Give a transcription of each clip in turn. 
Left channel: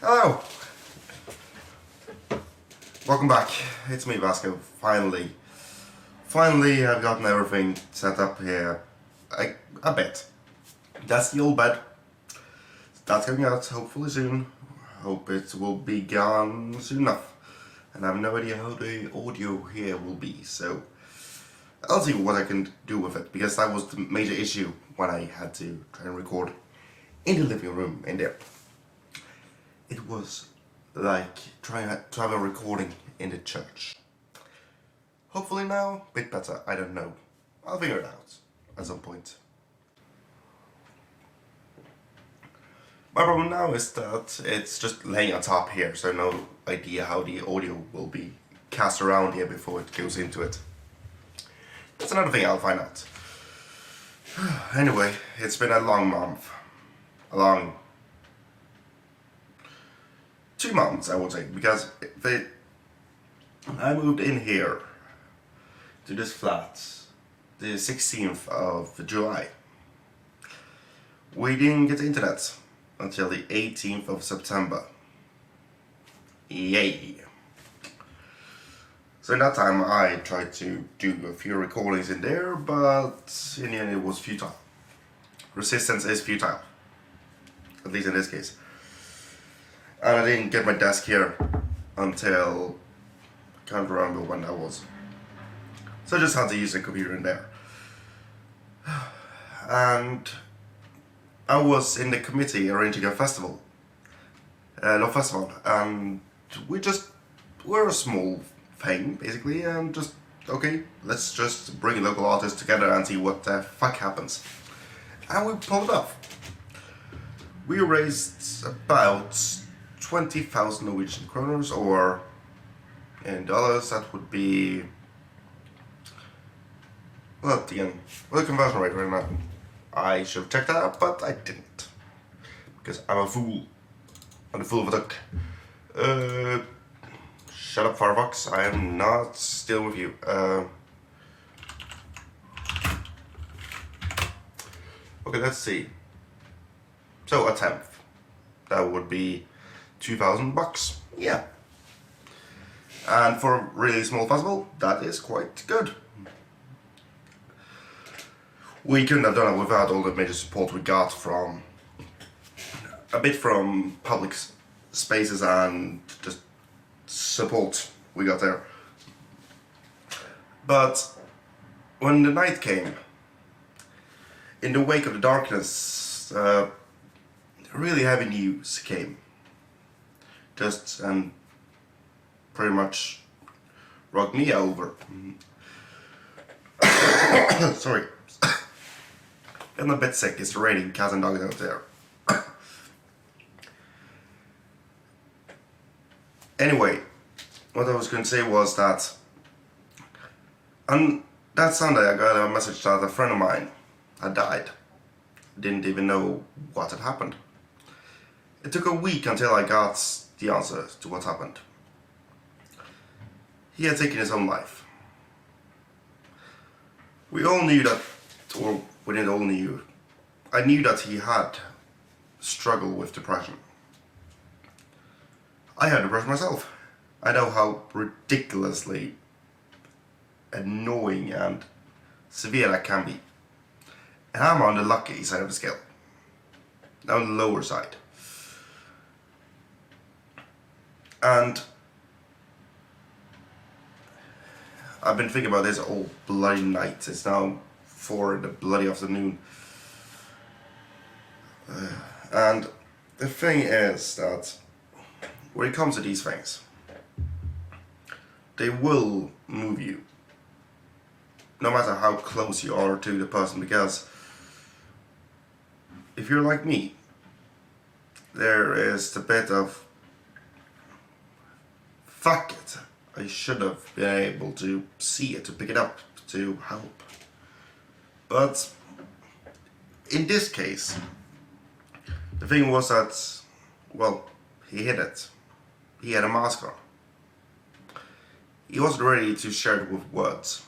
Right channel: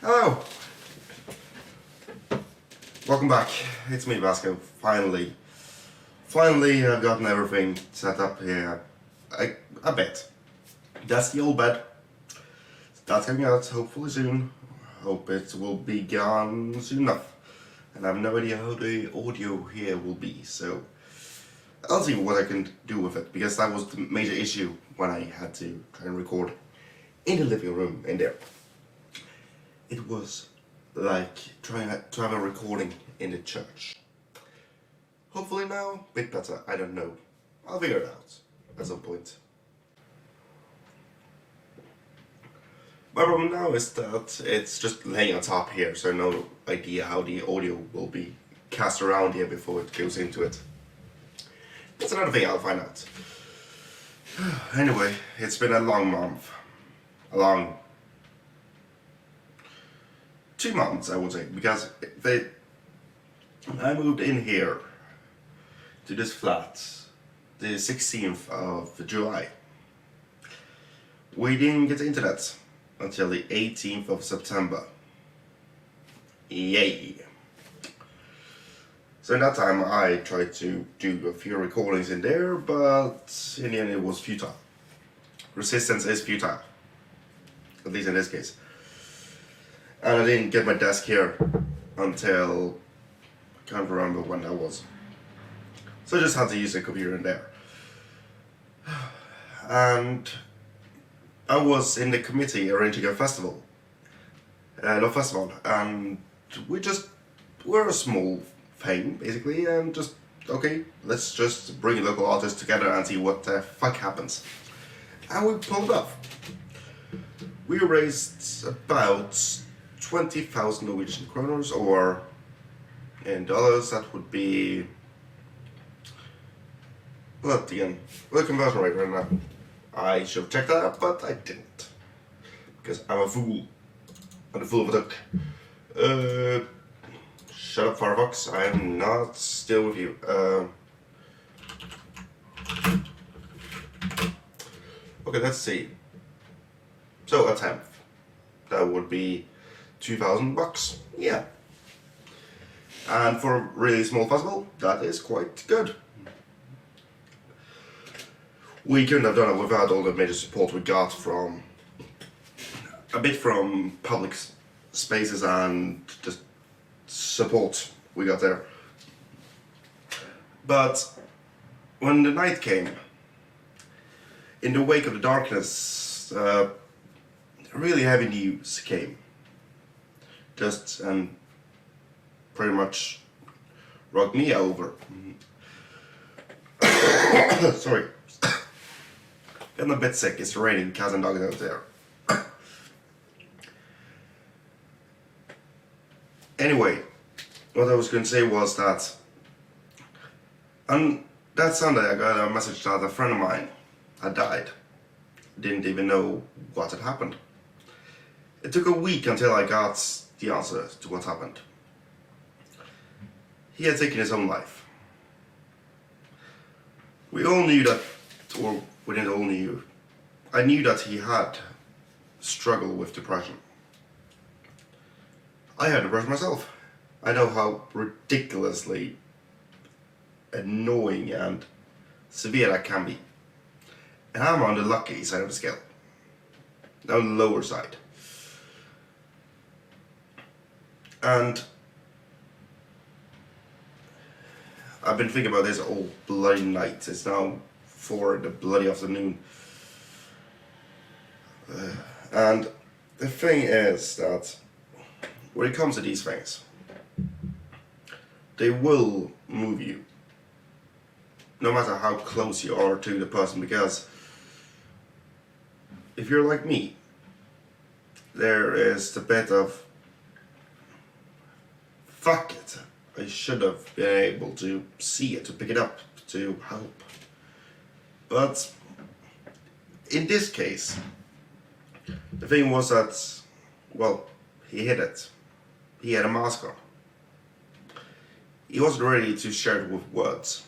Hello! Welcome back. It's me, Vazco. Finally, I've gotten everything set up here. A bit. That's the old bed. That's coming out hopefully soon. Hope it will be gone soon enough. And I have no idea how the audio here will be, so I'll see what I can do with it, because that was the major issue when I had to try and record in the living room in there. It was like trying to have a recording in the church. Hopefully now, a bit better, I don't know. I'll figure it out at some point. My problem now is that it's just laying on top here, so no idea how the audio will be cast around here before it goes into it. That's another thing I'll find out. Anyway, it's been a long month. A long 2 months, I would say, because I moved in here to this flat the 16th of July. We didn't get internet until the 18th of September. Yay! So in that time I tried to do a few recordings in there, but in the end it was futile. Resistance is futile, at least in this case. And I didn't get my desk here until, I can't remember when that was. So I just had to use the computer in there. And I was in the committee arranging a festival. And we're a small thing, basically, and just, okay, let's just bring local artists together and see what the fuck happens. And we pulled it off. We raised about 20,000 Norwegian kroners, or in dollars that would be, well, again, the conversion rate right now. I should have checked that out, but I didn't, because I'm a fool. I'm the fool of a duck. Shut up, Firefox. I am not still with you. Okay, let's see. So a tenth. That would be $2,000. Yeah. And for a really small festival, that is quite good. We couldn't have done it without all the major support we got from public spaces and just support we got there. But when the night came, in the wake of the darkness, really heavy news came. Just and pretty much rocked me over. Sorry. I'm a bit sick, it's raining cats and dogs out there. Anyway, what I was going to say was that on that Sunday I got a message that a friend of mine had died. Didn't even know what had happened. It took a week until I got the answer to what happened. He had taken his own life. We all knew that, or we didn't all knew. I knew that he had struggled with depression. I had depression myself. I know how ridiculously annoying and severe that can be. And I'm on the lucky side of the scale. On the lower side. And I've been thinking about this all bloody night. It's now 4 in the bloody afternoon. And the thing is that when it comes to these things, they will move you. No matter how close you are to the person, because if you're like me, there is the bit of, fuck it, I should have been able to see it, to pick it up, to help. But in this case, the thing was that, well, he hid it. He had a mask on. He wasn't ready to share it with words.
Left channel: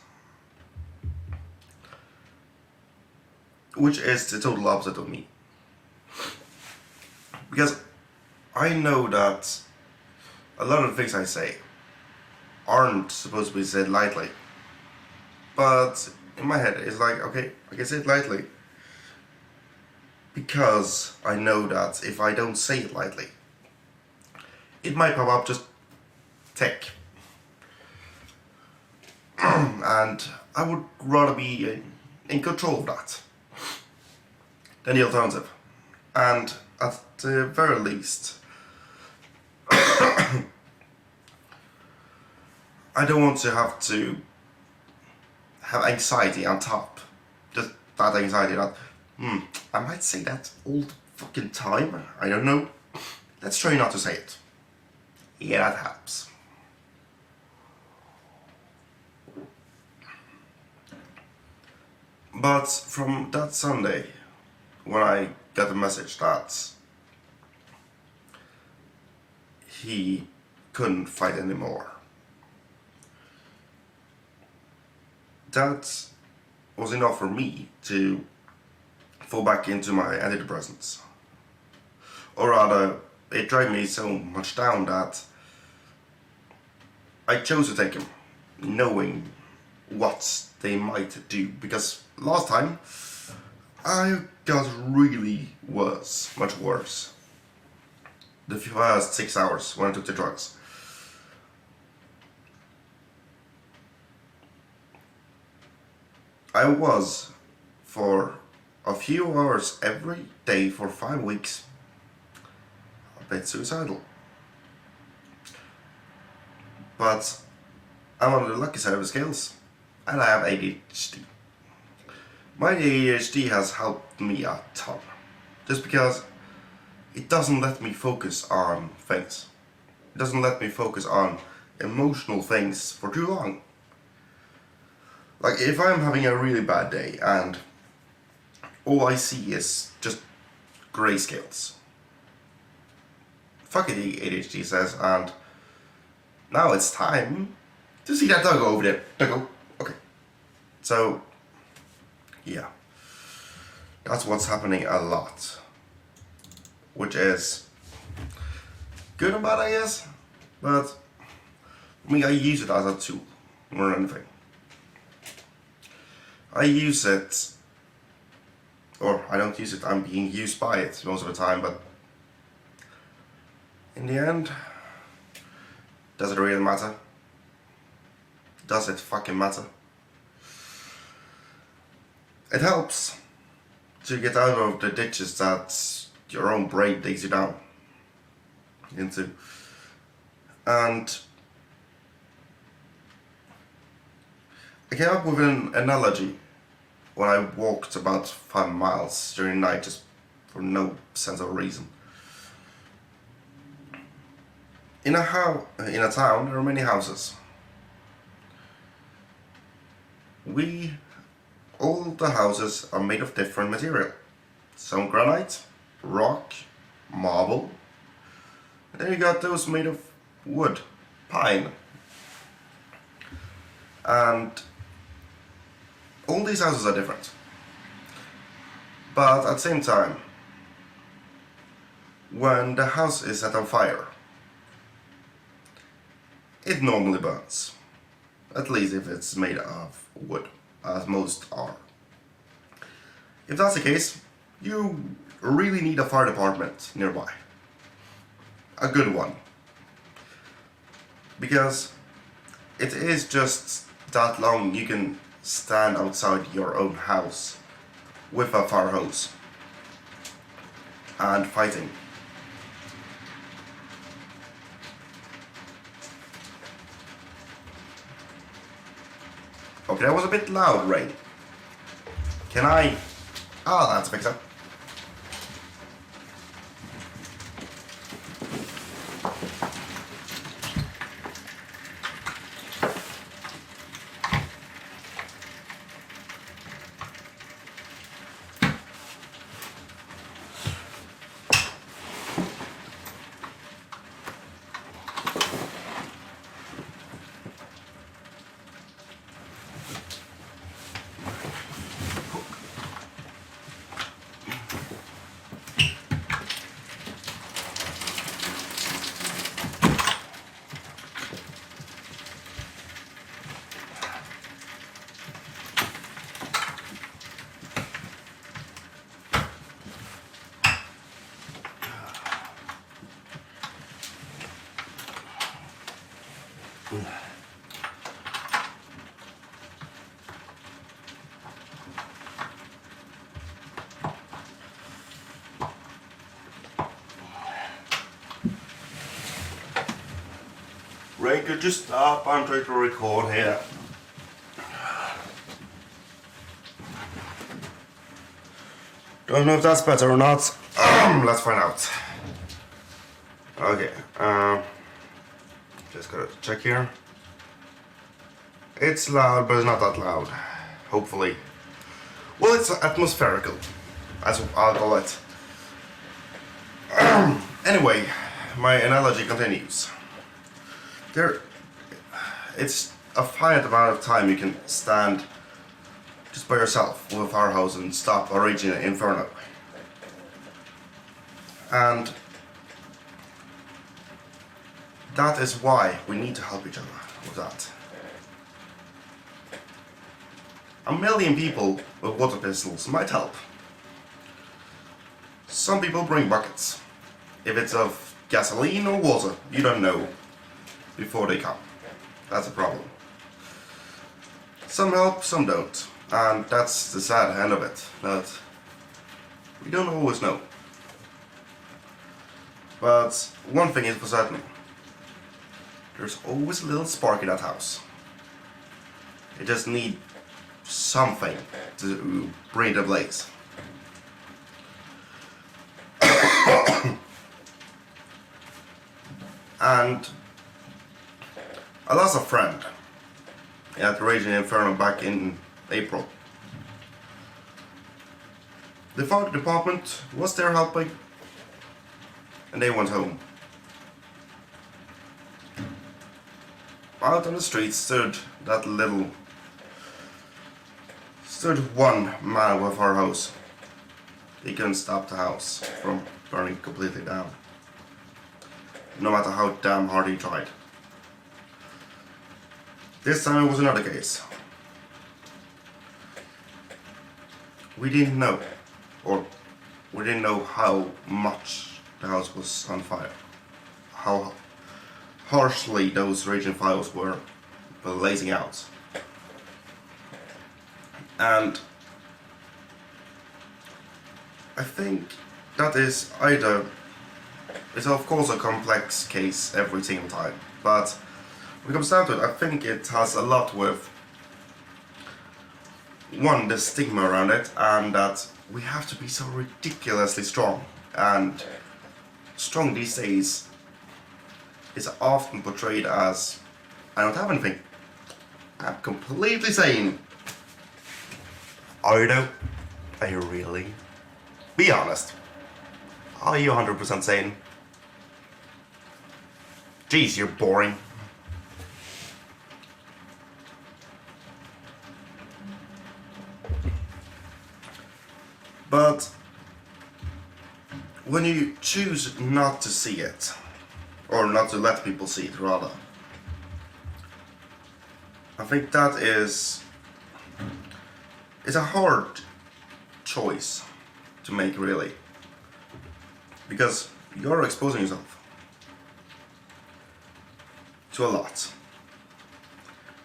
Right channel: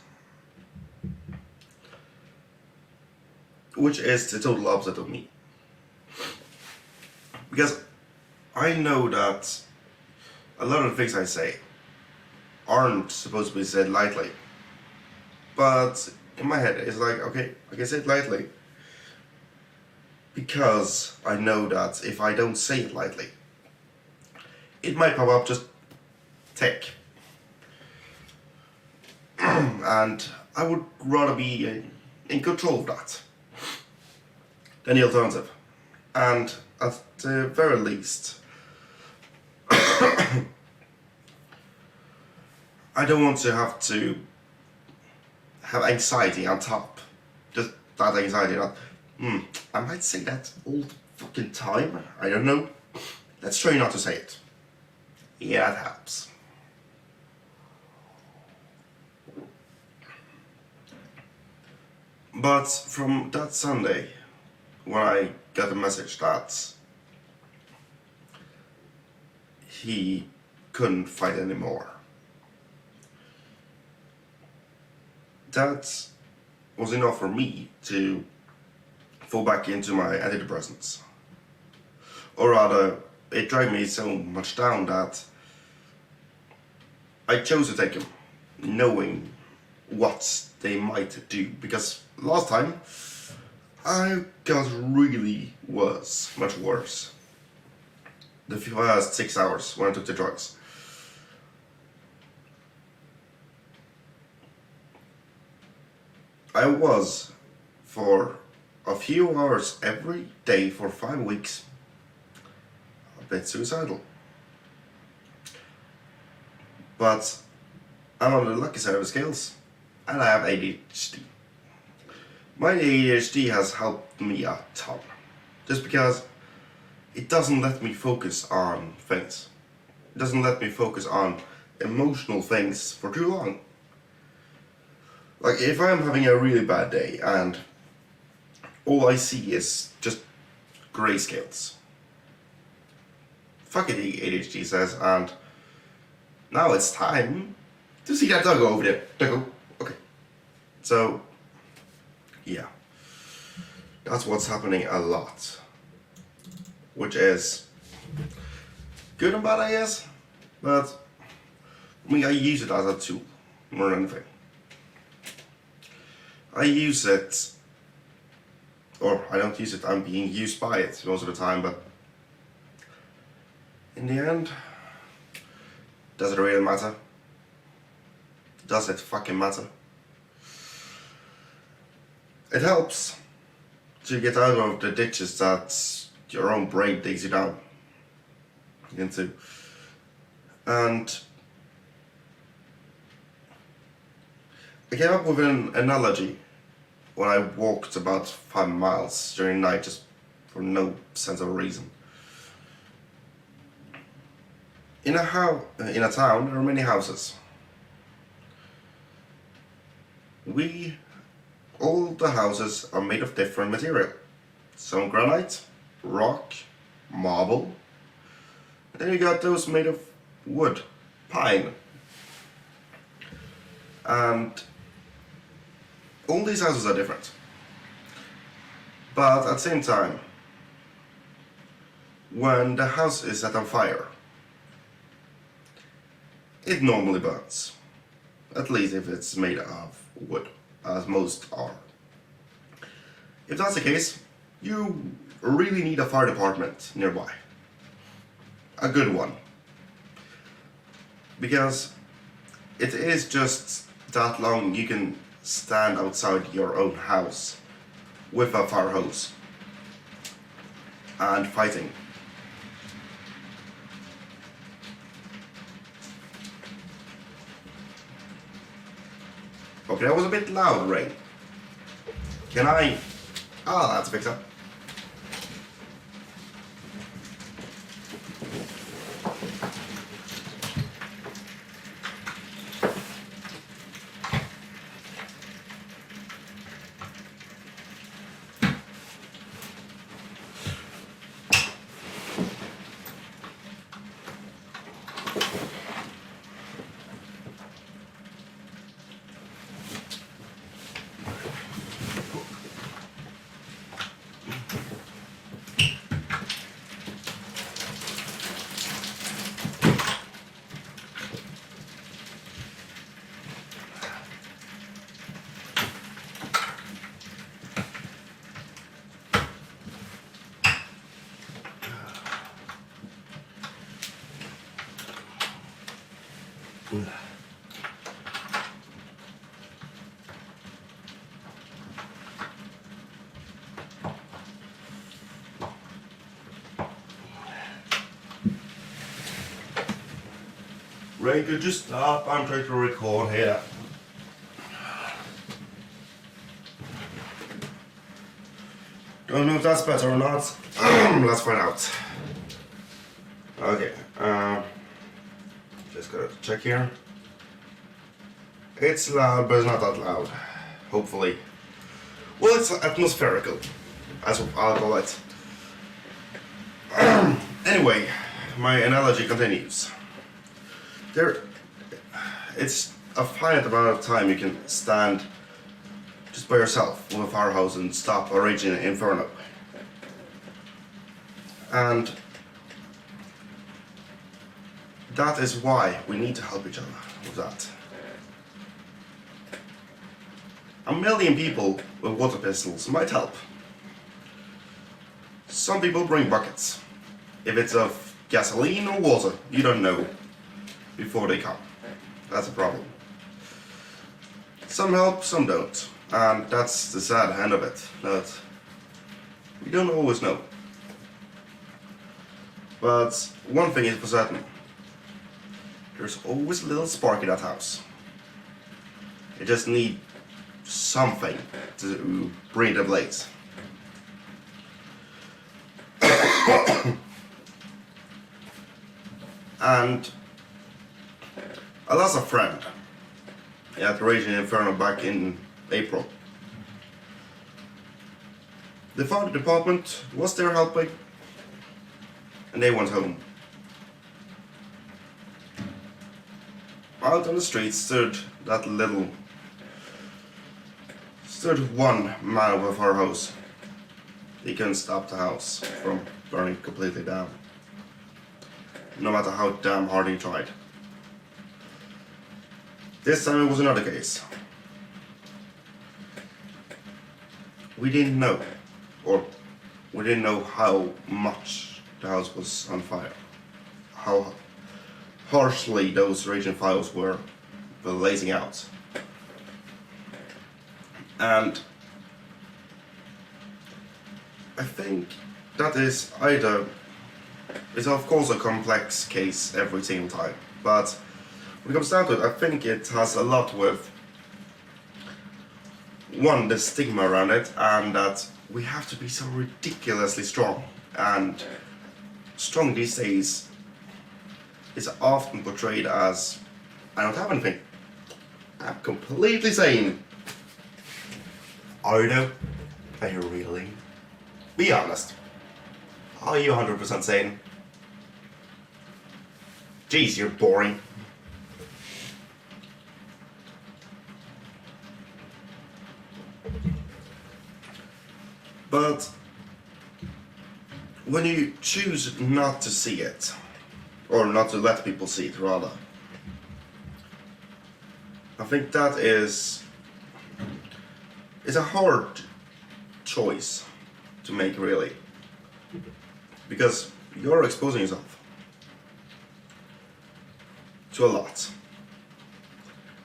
Which is the total opposite of me. Because I know that a lot of the things I say aren't supposed to be said lightly. But in my head, it's like, okay, I can say it lightly. Because I know that if I don't say it lightly, it might pop up just tick. And I would rather be in control of that than the alternative. And at the very least, I don't want to have anxiety on top. Just that anxiety that, I might say that all the fucking time. I don't know. Let's try not to say it. Yeah, that helps. But from that Sunday, when I got the message that he couldn't fight anymore, that was enough for me to fall back into my antidepressants. Or rather, it dragged me so much down that I chose to take them, knowing what they might do. Because last time, I got really worse, much worse. The first 6 hours when I took the drugs. I was, for a few hours every day for 5 weeks, a bit suicidal. But I'm on the lucky side of the scales, and I have ADHD. My ADHD has helped me a ton, just because it doesn't let me focus on things. It doesn't let me focus on emotional things for too long. Like, if I'm having a really bad day and all I see is just grayscales. Fuck it, ADHD says, and now it's time to see that dog over there. Doggo. Okay. So, yeah. That's what's happening a lot. Which is good and bad, I guess. But, I mean, I use it as a tool more than anything. I use it, or I don't use it, I'm being used by it most of the time, but in the end, does it really matter? Does it fucking matter? It helps to get out of the ditches that your own brain digs you down into. And I came up with an analogy when I walked about 5 miles during the night, just for no sense of reason. In a town, there are many houses. All the houses are made of different material. Some granite, rock, marble. Then you got those made of wood, pine. And all these houses are different. But at the same time, when the house is set on fire, it normally burns. At least if it's made of wood, as most are. If that's the case, you really need a fire department nearby. A good one. Because it is just that long you can stand outside your own house with a fire hose and fighting. Okay, that was a bit loud, Ray. Can I... Ah, that's a fix up. Ray, could you stop? I'm trying to record here. Don't know if that's better or not. Let's find out. Okay, just gotta check here. It's loud, but it's not that loud. Hopefully. Well, it's atmospherical, as I'll call it. Anyway, my analogy continues. It's a finite amount of time you can stand just by yourself with a firehouse and stop a raging inferno. And that is why we need to help each other with that. A million people with water pistols might help. Some people bring buckets. If it's of gasoline or water, you don't know before they come. That's a problem. Some help, some don't. And that's the sad end of it, that we don't always know. But one thing is for certain. There's always a little spark in that house. It just needs something to bring the blaze. And I lost a friend at the Raging Inferno back in April. The fire department was there helping, and they went home. Out on the street stood one man with a fire hose. He couldn't stop the house from burning completely down, no matter how damn hard he tried. This time it was another case. We didn't know how much the house was on fire, how harshly those raging fires were blazing out. And I think that is it's of course a complex case every single time, but when it comes down to it, I think it has a lot with one, the stigma around it, and that we have to be so ridiculously strong. And strong these days is often portrayed as, I don't have anything, I'm completely sane. Are you? Are you really? Be honest. Are you 100% sane? Jeez, you're boring. But when you choose not to see it, or not to let people see it rather, I think that it's a hard choice to make, really, because you're exposing yourself to a lot,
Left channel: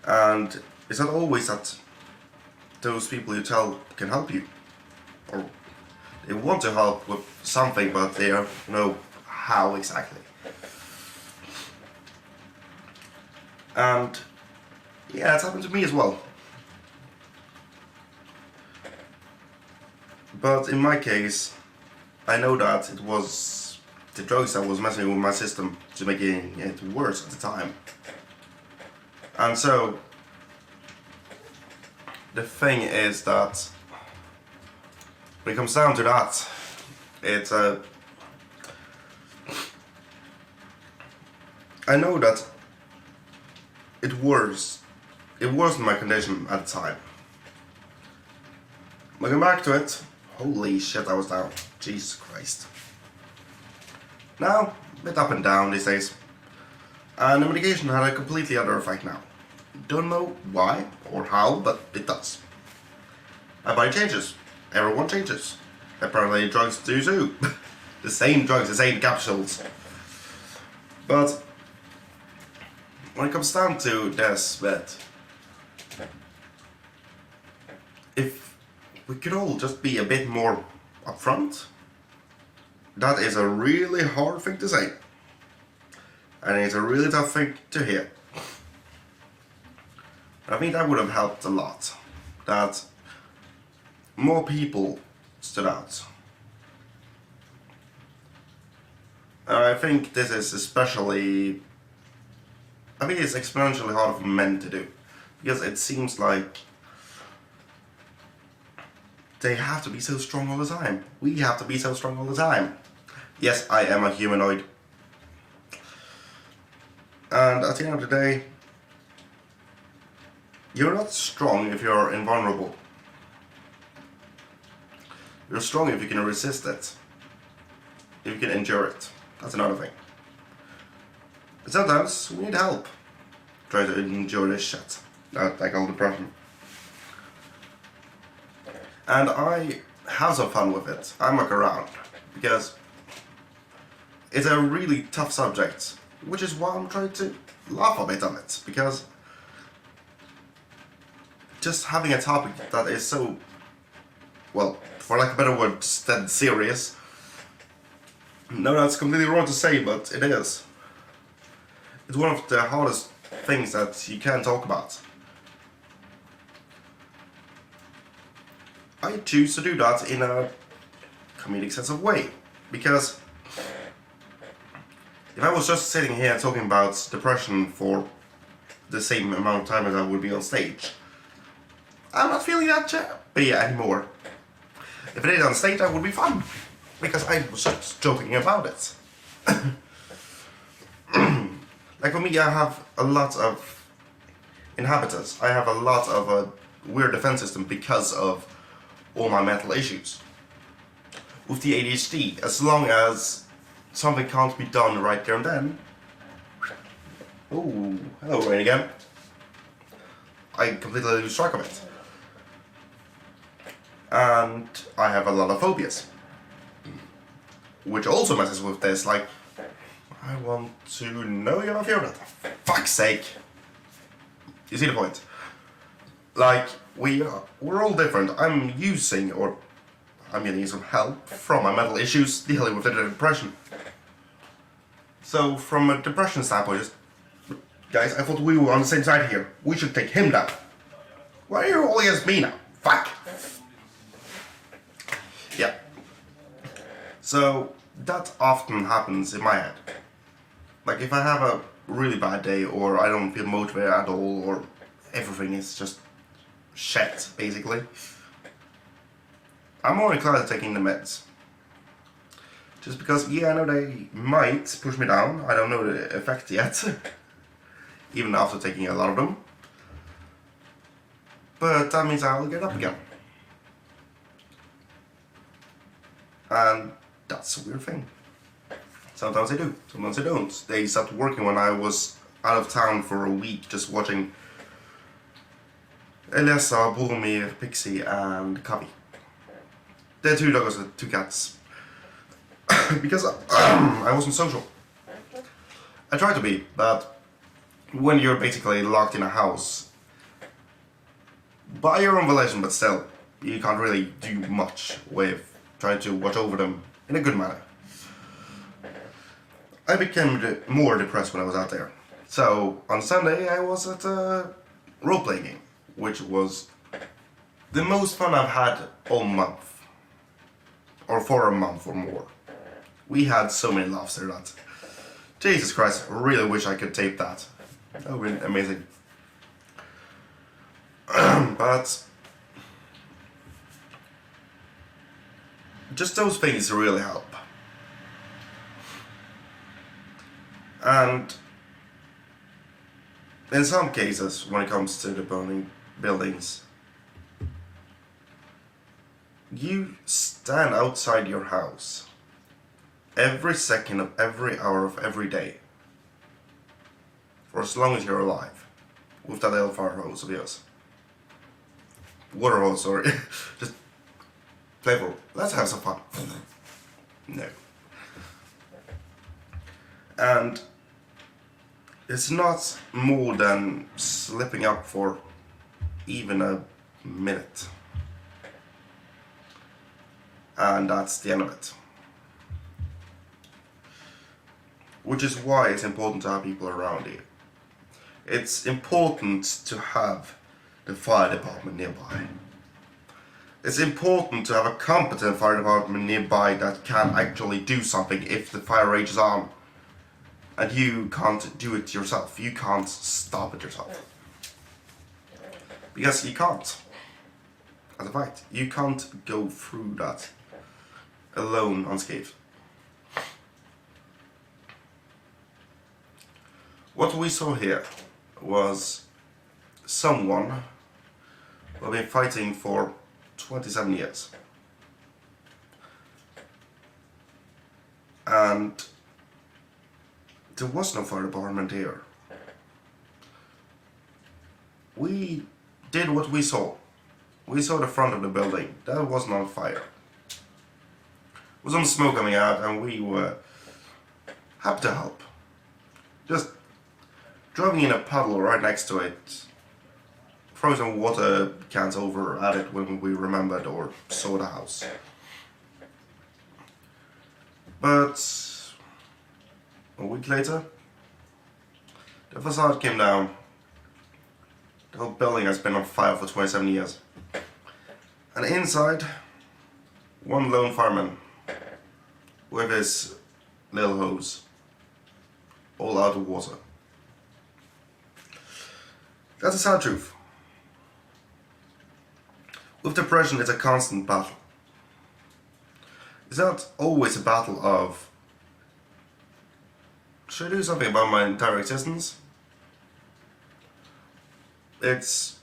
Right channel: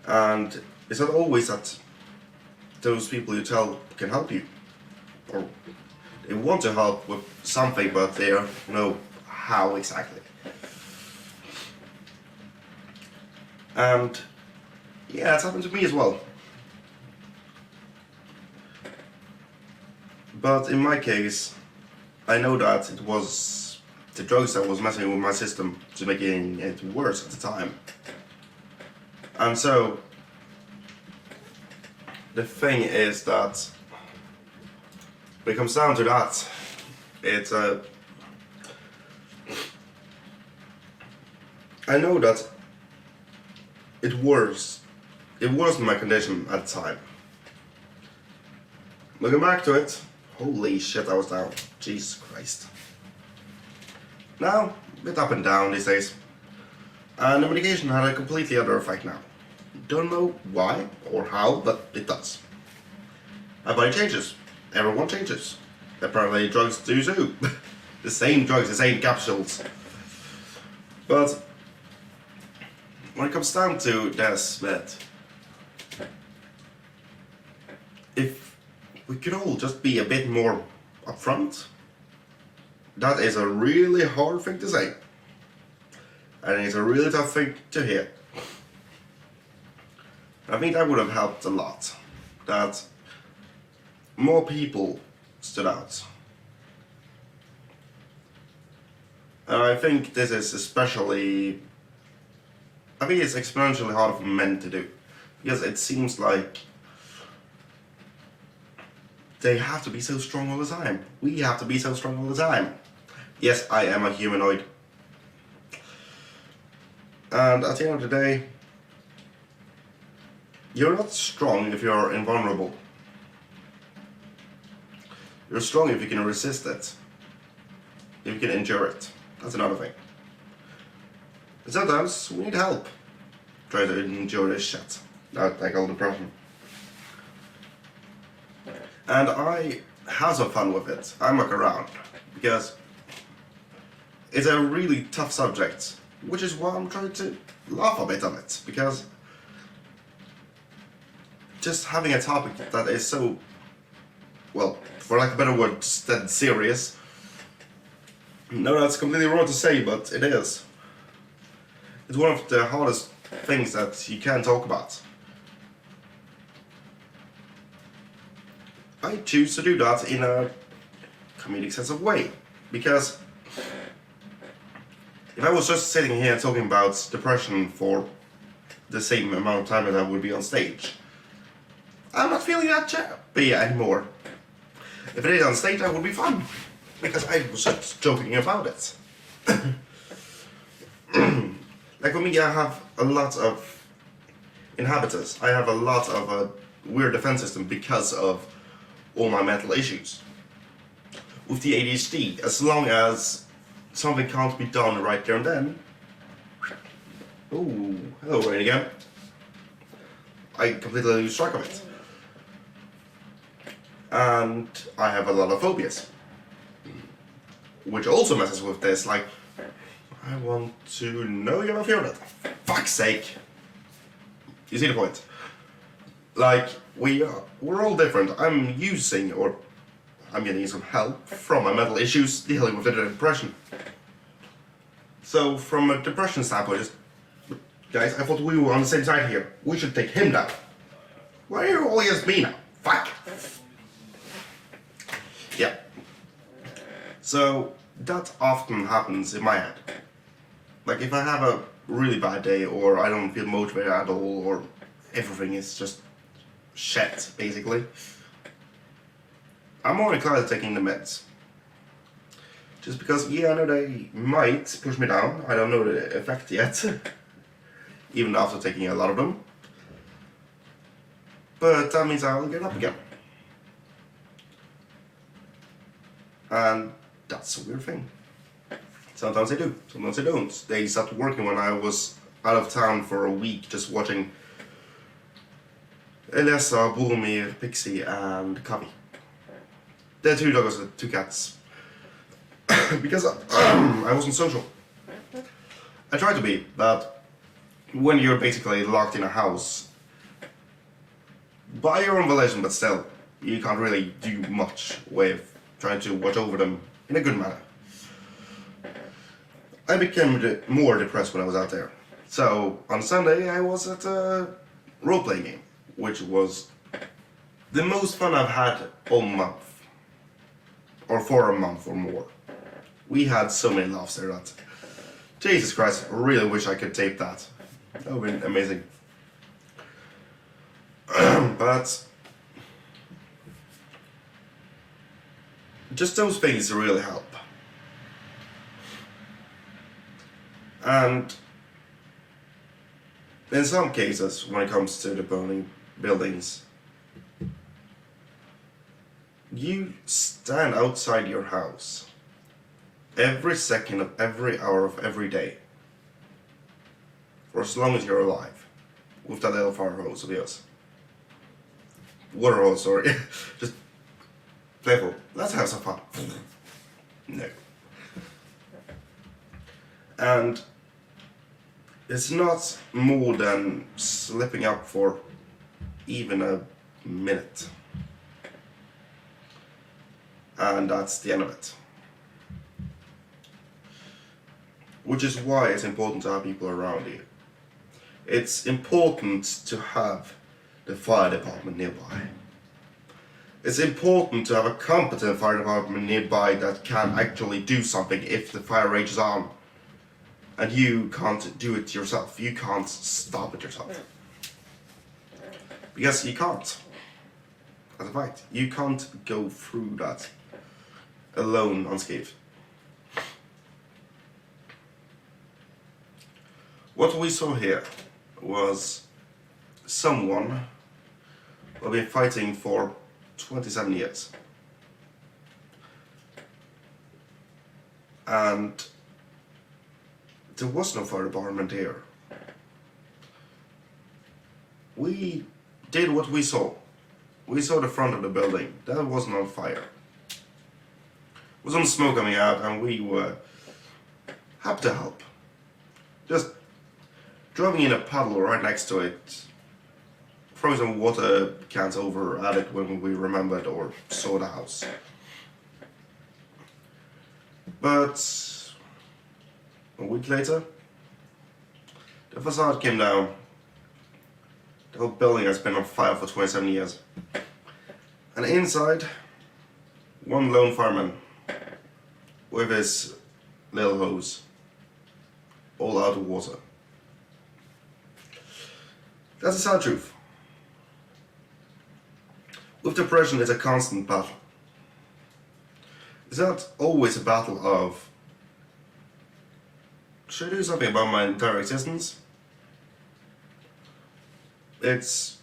and it's not always that those people you tell can help you, or they want to help with something, but they don't know how exactly. And yeah, it's happened to me as well. But in my case, I know that it was the drugs that was messing with my system to making it worse at the time. And so the thing is that when it comes down to that, it's I know that it worsened my condition at the time. Looking back to it, holy shit, I was down. Jesus Christ. Now, a bit up and down these days. And the medication had a completely other effect now. Don't know why or how, but it does. My body changes. Everyone changes. Apparently drugs do too. The same drugs, the same capsules. But when it comes down to this bit, if we could all just be a bit more upfront, that is a really hard thing to say. And it's a really tough thing to hear. I think that would have helped a lot. That more people stood out. And I think this is especially... I think it's exponentially harder for men to do. Because it seems like they have to be so strong all the time. We have to be so strong all the time. Yes, I am a humanoid. And at the end of the day, you're not strong if you're invulnerable. You're strong if you can resist it. If you can endure it. That's another thing. But sometimes we need help. Try to endure this shit. That I call depression. And I have some fun with it. I muck around. Because it's a really tough subject. Which is why I'm trying to laugh a bit on it. Because just having a topic that is so, well, for lack of a better word, dead serious. No, that's completely wrong to say, but it is. It's one of the hardest things that you can talk about. I choose to do that in a comedic sense of way, because if I was just sitting here talking about depression for the same amount of time as I would be on stage, I'm not feeling that happy anymore. If it is on stage, that would be fun, because I was just joking about it. Like for me, I have a lot of inhabitants. I have a lot of a weird defense system because of all my mental issues. With the ADHD, as long as something can't be done right there and then. Oh, hello rain again. I completely lose track of it. And I have a lot of phobias. Which also messes with this, like, I want to know you're not fear of it. For fuck's sake. You see the point? Like, we're all different. I'm getting some help from my mental issues dealing with the depression. So, from a depression standpoint, guys, I thought we were on the same side here. We should take him down. Why are you all against me now? Fuck. Yeah. So, that often happens in my head. Like, if I have a really bad day, or I don't feel motivated at all, or everything is just shit, basically, I'm more inclined to taking the meds. Just because, yeah, I know they might push me down. I don't know the effect yet. Even after taking a lot of them. But that means I'll get up again. And that's a weird thing. Sometimes I do, sometimes I don't. They stopped working when I was out of town for a week just watching Elisa, Boromir, Pixie and Kavi. They're 2 dogs and 2 cats. Because I wasn't social. I tried to be, but when you're basically locked in a house, by your own volition, but still, you can't really do much with trying to watch over them in a good manner. I became more depressed when I was out there. So, on Sunday I was at a role-playing game, which was the most fun I've had all month. Or for a month or more. We had so many laughs there that, Jesus Christ, I really wish I could tape that. That would have been amazing. But just those things really help. And in some cases, when it comes to the burning buildings, you stand outside your house every second of every hour of every day for as long as you're alive with that little fire hose of yours. Water hose, sorry. Just playful. Let's have some fun. No. And It's not more than slipping up for even a minute. And that's the end of it. Which is why it's important to have people around you. It's important to have the fire department nearby. It's important to have a competent fire department nearby that can actually do something if the fire rages on. And you can't do it yourself. You can't stop it yourself. Because you can't. As a fact, you can't go through that alone unscathed. What we saw here was someone who had been fighting for 27 years. And there was no fire department here. We did what we saw. We saw the front of the building. That wasn't on fire. There was some smoke coming out and we were happy to help. Just driving in a puddle right next to it, throwing some water cans over at it when we remembered or saw the house. But a week later, the facade came down. The whole building has been on fire for 27 years. And inside, one lone fireman with his little hose, all out of water. That's the sad truth. With depression, it's a constant battle. It's not always a battle of, should I do something about my entire existence? It's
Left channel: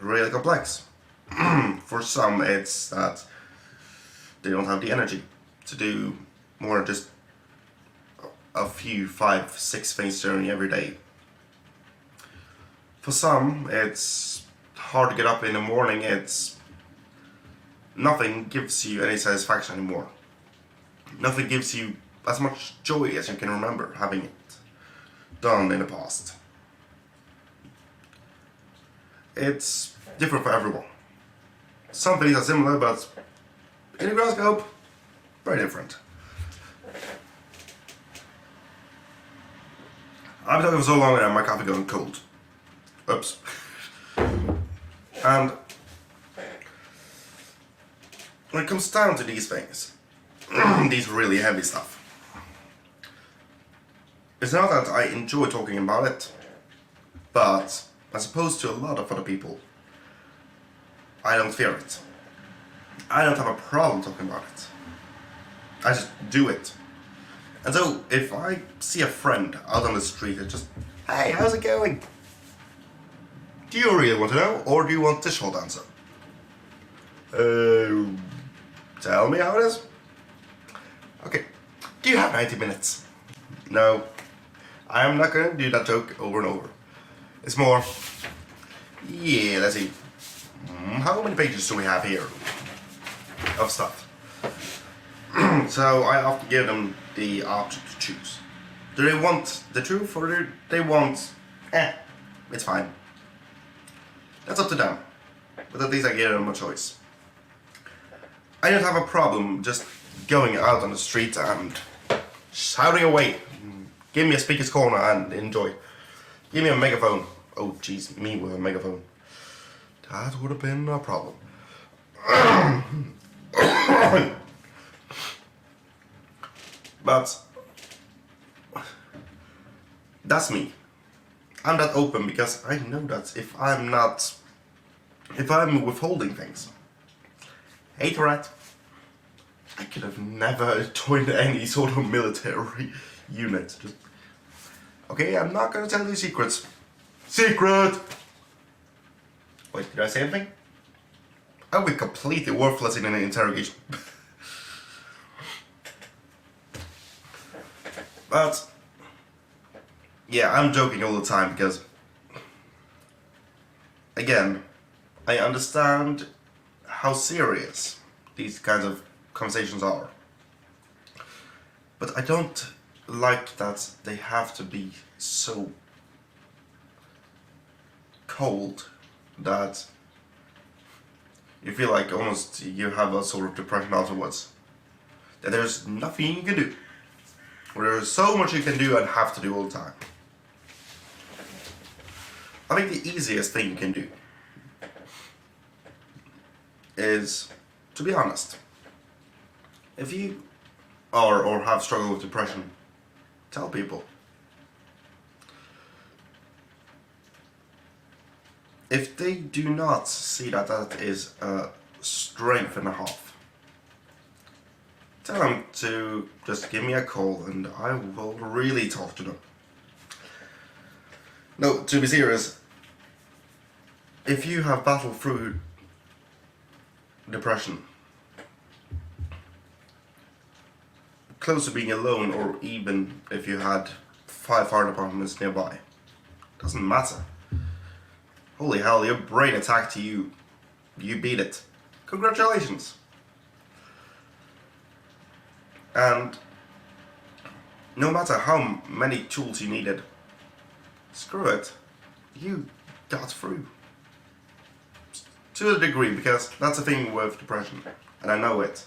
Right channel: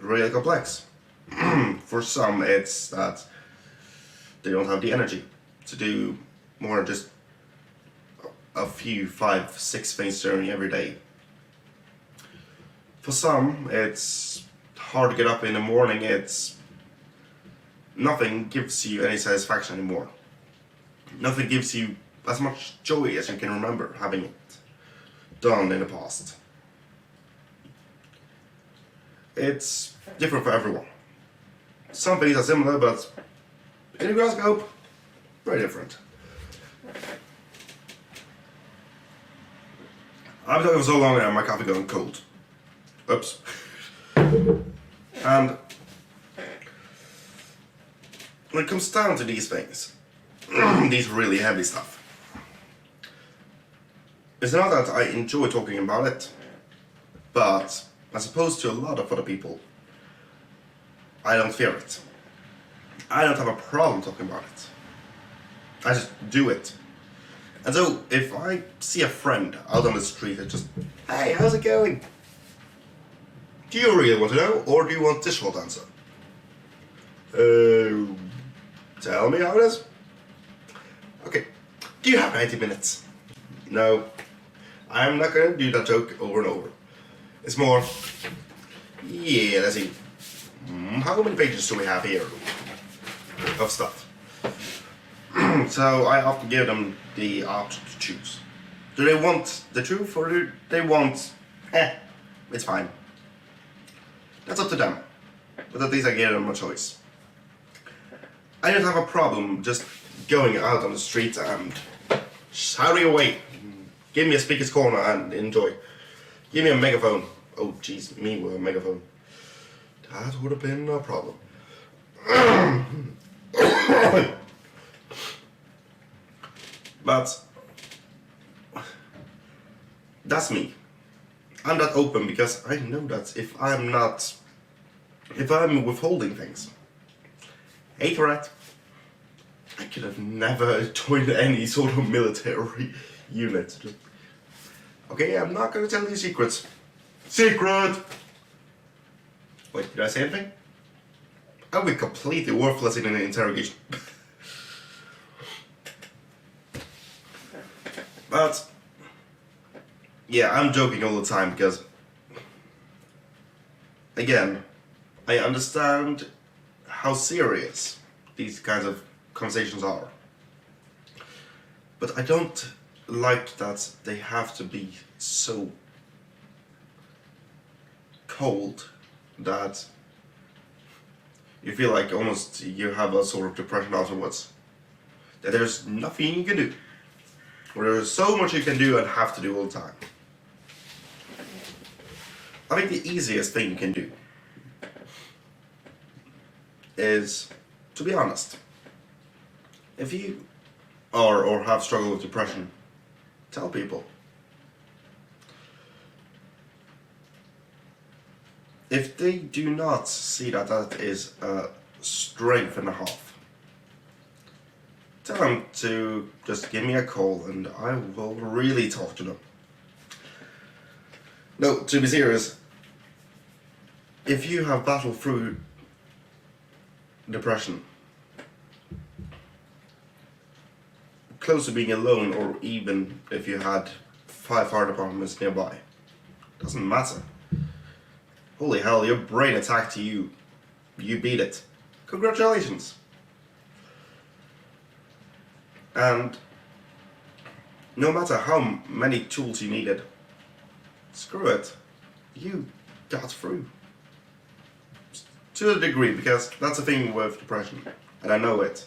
really complex. For some, it's that they don't have the energy to do more than just a few, 5, 6 things during every day. For some, it's hard to get up in the morning. It's nothing gives you any satisfaction anymore. Nothing gives you as much joy as you can remember having it done in the past. It's different for everyone. Some things are similar, but in the grand scope, very different. I've been talking for so long now, my coffee going cold. Oops. And when it comes down to these things, these really heavy stuff, it's not that I enjoy talking about it, but as opposed to a lot of other people, I don't fear it. I don't have a problem talking about it. I just do it. And so, if I see a friend out on the street and just, hey, how's it going? Do you really want to know, or do you want this short answer? Tell me how it is. Okay, do you have 90 minutes? No, I'm not gonna do that joke over and over. It's more, yeah, let's see. How many pages do we have here of stuff? So I often give them the option to choose. Do they want the truth or do they want, it's fine. That's up to them. But at least I gave them a choice. I don't have a problem just going out on the street and shouting away. Give me a speaker's corner and enjoy. Give me a megaphone. Oh jeez, me with a megaphone. That would have been a problem. But that's me. I'm that open because I know that if I'm withholding things, hate or right, I could have never joined any sort of military unit. Just, okay, I'm not gonna tell you secrets. Secret! Wait, did I say anything? I would be completely worthless in an interrogation. But, yeah, I'm joking all the time because, again, I understand how serious these kinds of conversations are. But I don't like that they have to be so cold that you feel like almost you have a sort of depression afterwards. That there's nothing you can do. Or there's so much you can do and have to do all the time. I think the easiest thing you can do is to be honest. If you are or have struggled with depression, tell people. If they do not see that that is a strength and a half, tell them to just give me a call and I will really talk to them. No, to be serious, if you have battled through depression, close to being alone, or even if you had 5 fire departments nearby, doesn't matter. Holy hell, your brain attacked you. You beat it. Congratulations. And no matter how many tools you needed, screw it. You got through. To a degree, because that's the thing with depression, and I know it,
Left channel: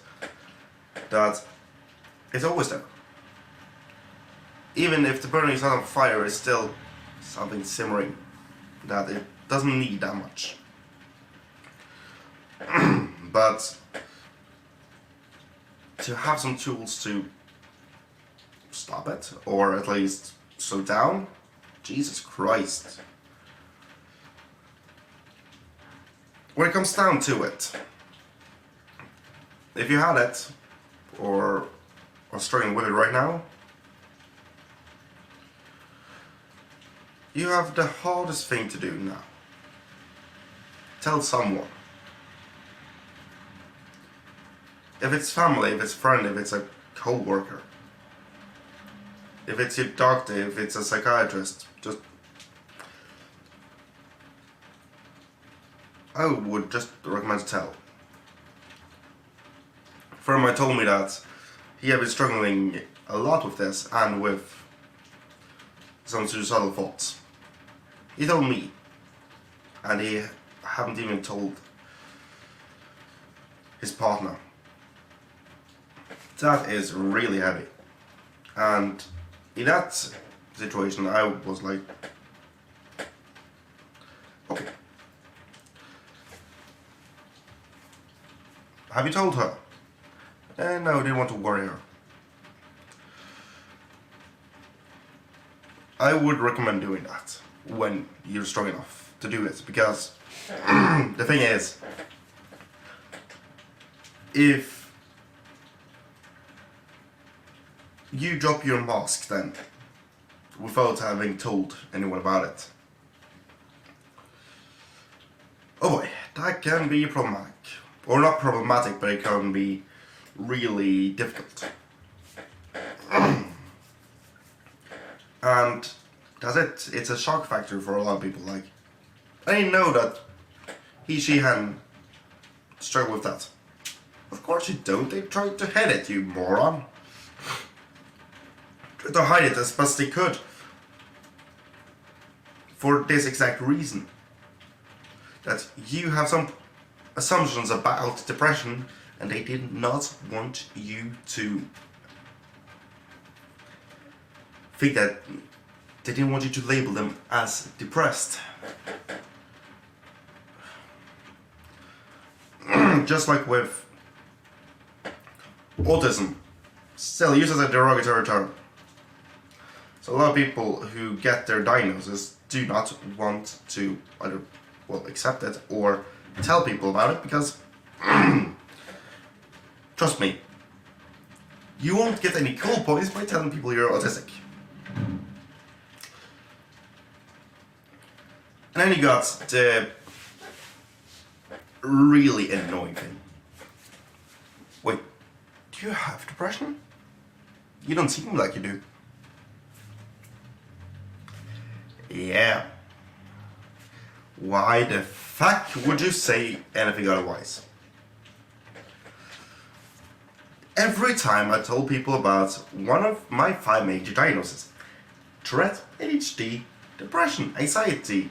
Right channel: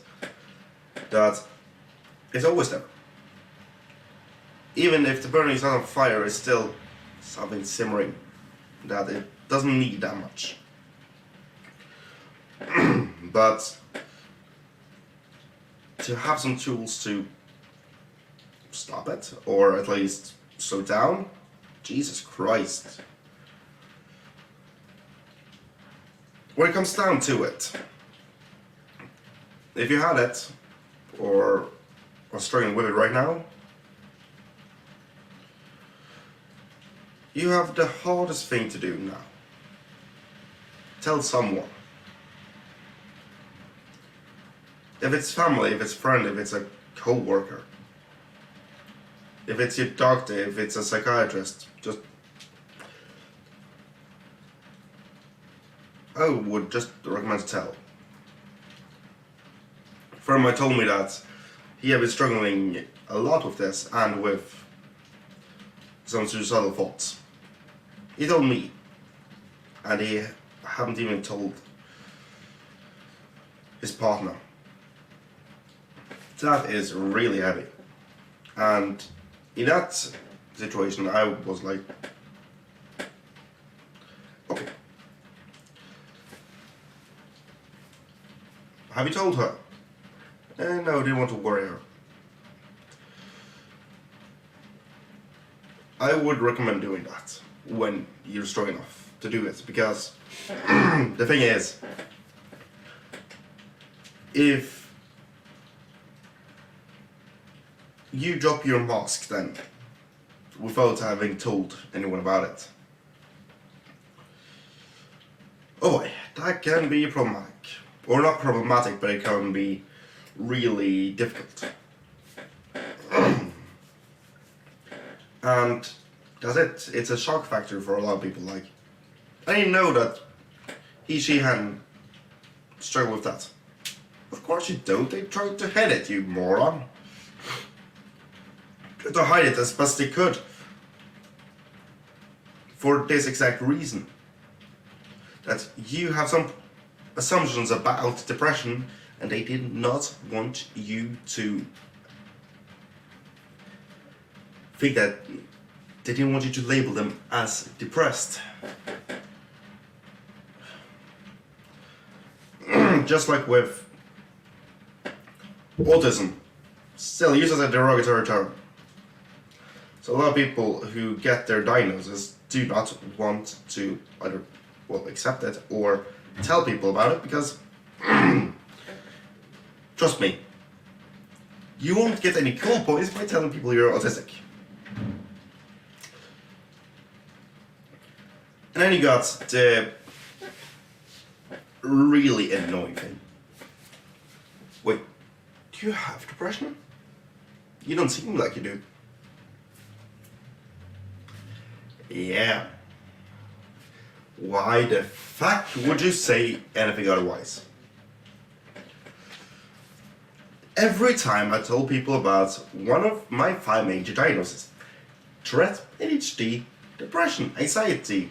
that it's always there. Even if the burning is not on fire, it's still something simmering, that it doesn't need that much. But to have some tools to stop it, or at least slow down, Jesus Christ. When it comes down to it, if you had it, or are struggling with it right now, you have the hardest thing to do now. Tell someone. If it's family, if it's friend, if it's a co-worker, if it's your doctor, if it's a psychiatrist, just I would just recommend to tell. A friend of mine told me that he had been struggling a lot with this and with some suicidal thoughts. He told me, and he haven't even told his partner. That is really heavy. And in that situation, I was like, okay. Have you told her? No, I didn't want to worry her. I would recommend doing that when you're strong enough to do it, because the thing is, if you drop your mask then, without having told anyone about it, oh boy, that can be problematic. Or not problematic, but it can be really difficult. And that's it. It's a shock factor for a lot of people. Like, I didn't know that he, she hadn't struggled with that. Of course you don't. They tried to hide it, you moron. Tried to hide it as best they could. For this exact reason. That you have some assumptions about depression, and they did not want you to think that. They didn't want you to label them as depressed. Just like with autism, still used as a derogatory term. So a lot of people who get their diagnosis do not want to either, well, accept it or tell people about it, because trust me, you won't get any cool points by telling people you're autistic. And then you got the really annoying thing. Wait, do you have depression? You don't seem like you do. Yeah. Why the fuck would you say anything otherwise? Every time I told people about one of my 5 major diagnoses, Tourette, ADHD, depression, anxiety,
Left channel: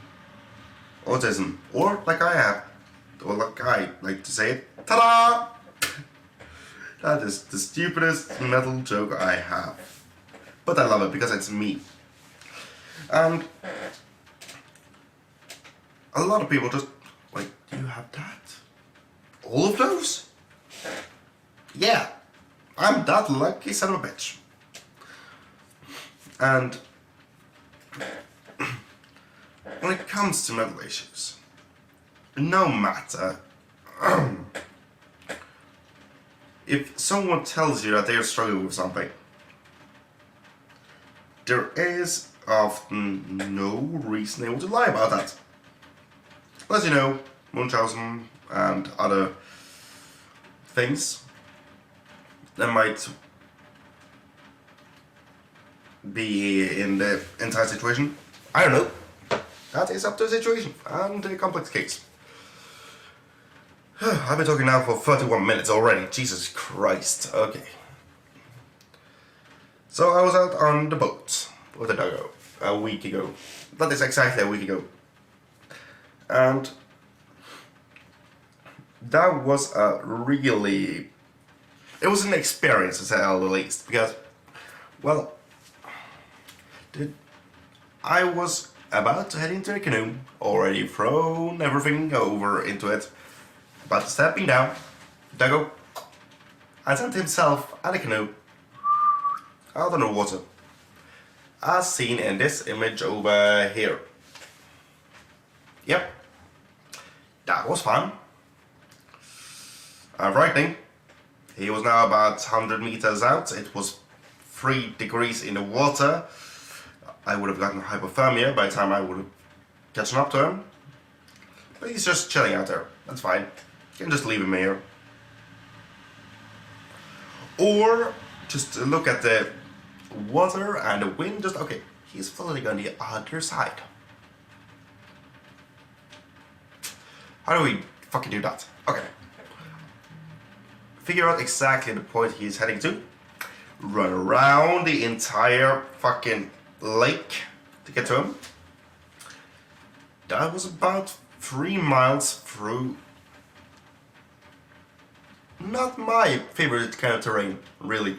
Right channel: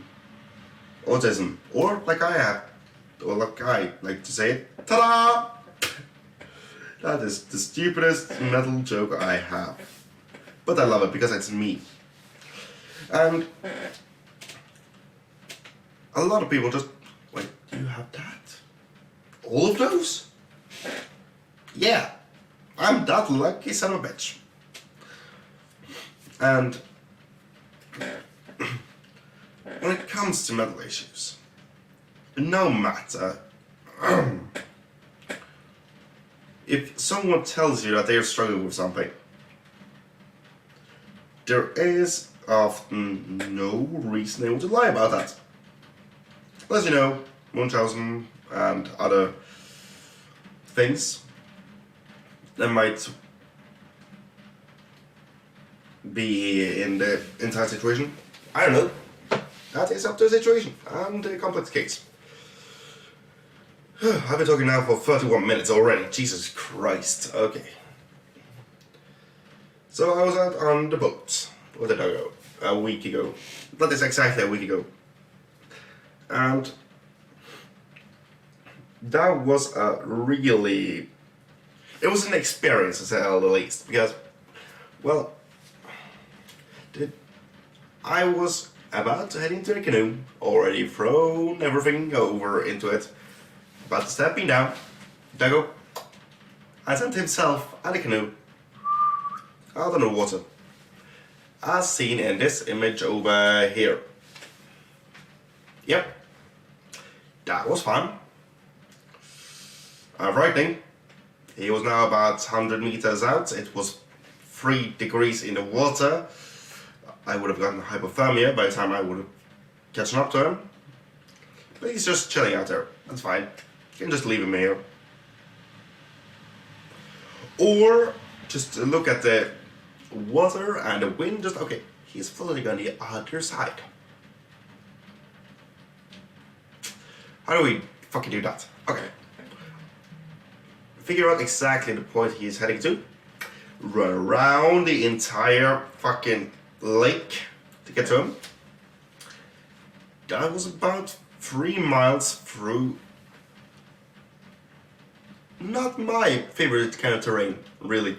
autism, or like I have, or like I like to say it, ta-da! That is the stupidest metal joke I have. But I love it because it's me. And a lot of people just like, you have that? All of those? Yeah, I'm that lucky son of a bitch. And when it comes to mental issues, no matter if someone tells you that they're struggling with something, there is often no reason they want to lie about that. As you know, Munchausen and other things that might be in the entire situation. I don't know. That is up to the situation and the complex case. I've been talking now for 31 minutes already. Jesus Christ. Okay. So I was out on the boat with a doggo a week ago. That is exactly a week ago. And that was a really... It was an experience, to say the least. Because, well, I was about to head into the canoe, already thrown everything over into it. But stepping down, doggo, and sent himself and the canoe out on the water, as seen in this image over here. Yep, that was fun. Frightening. He was now about 100 meters out. It was 3 degrees in the water. I would have gotten hypothermia by the time I would have catching up to him. But he's just chilling out there. That's fine. You can just leave him here. Or just look at the water and the wind. Just, okay, he's floating on the other side. How do we fucking do that? Okay. Figure out exactly the point he's heading to. Run around the entire fucking lake to get to him. That was about 3 miles through not my favorite kind of terrain, really.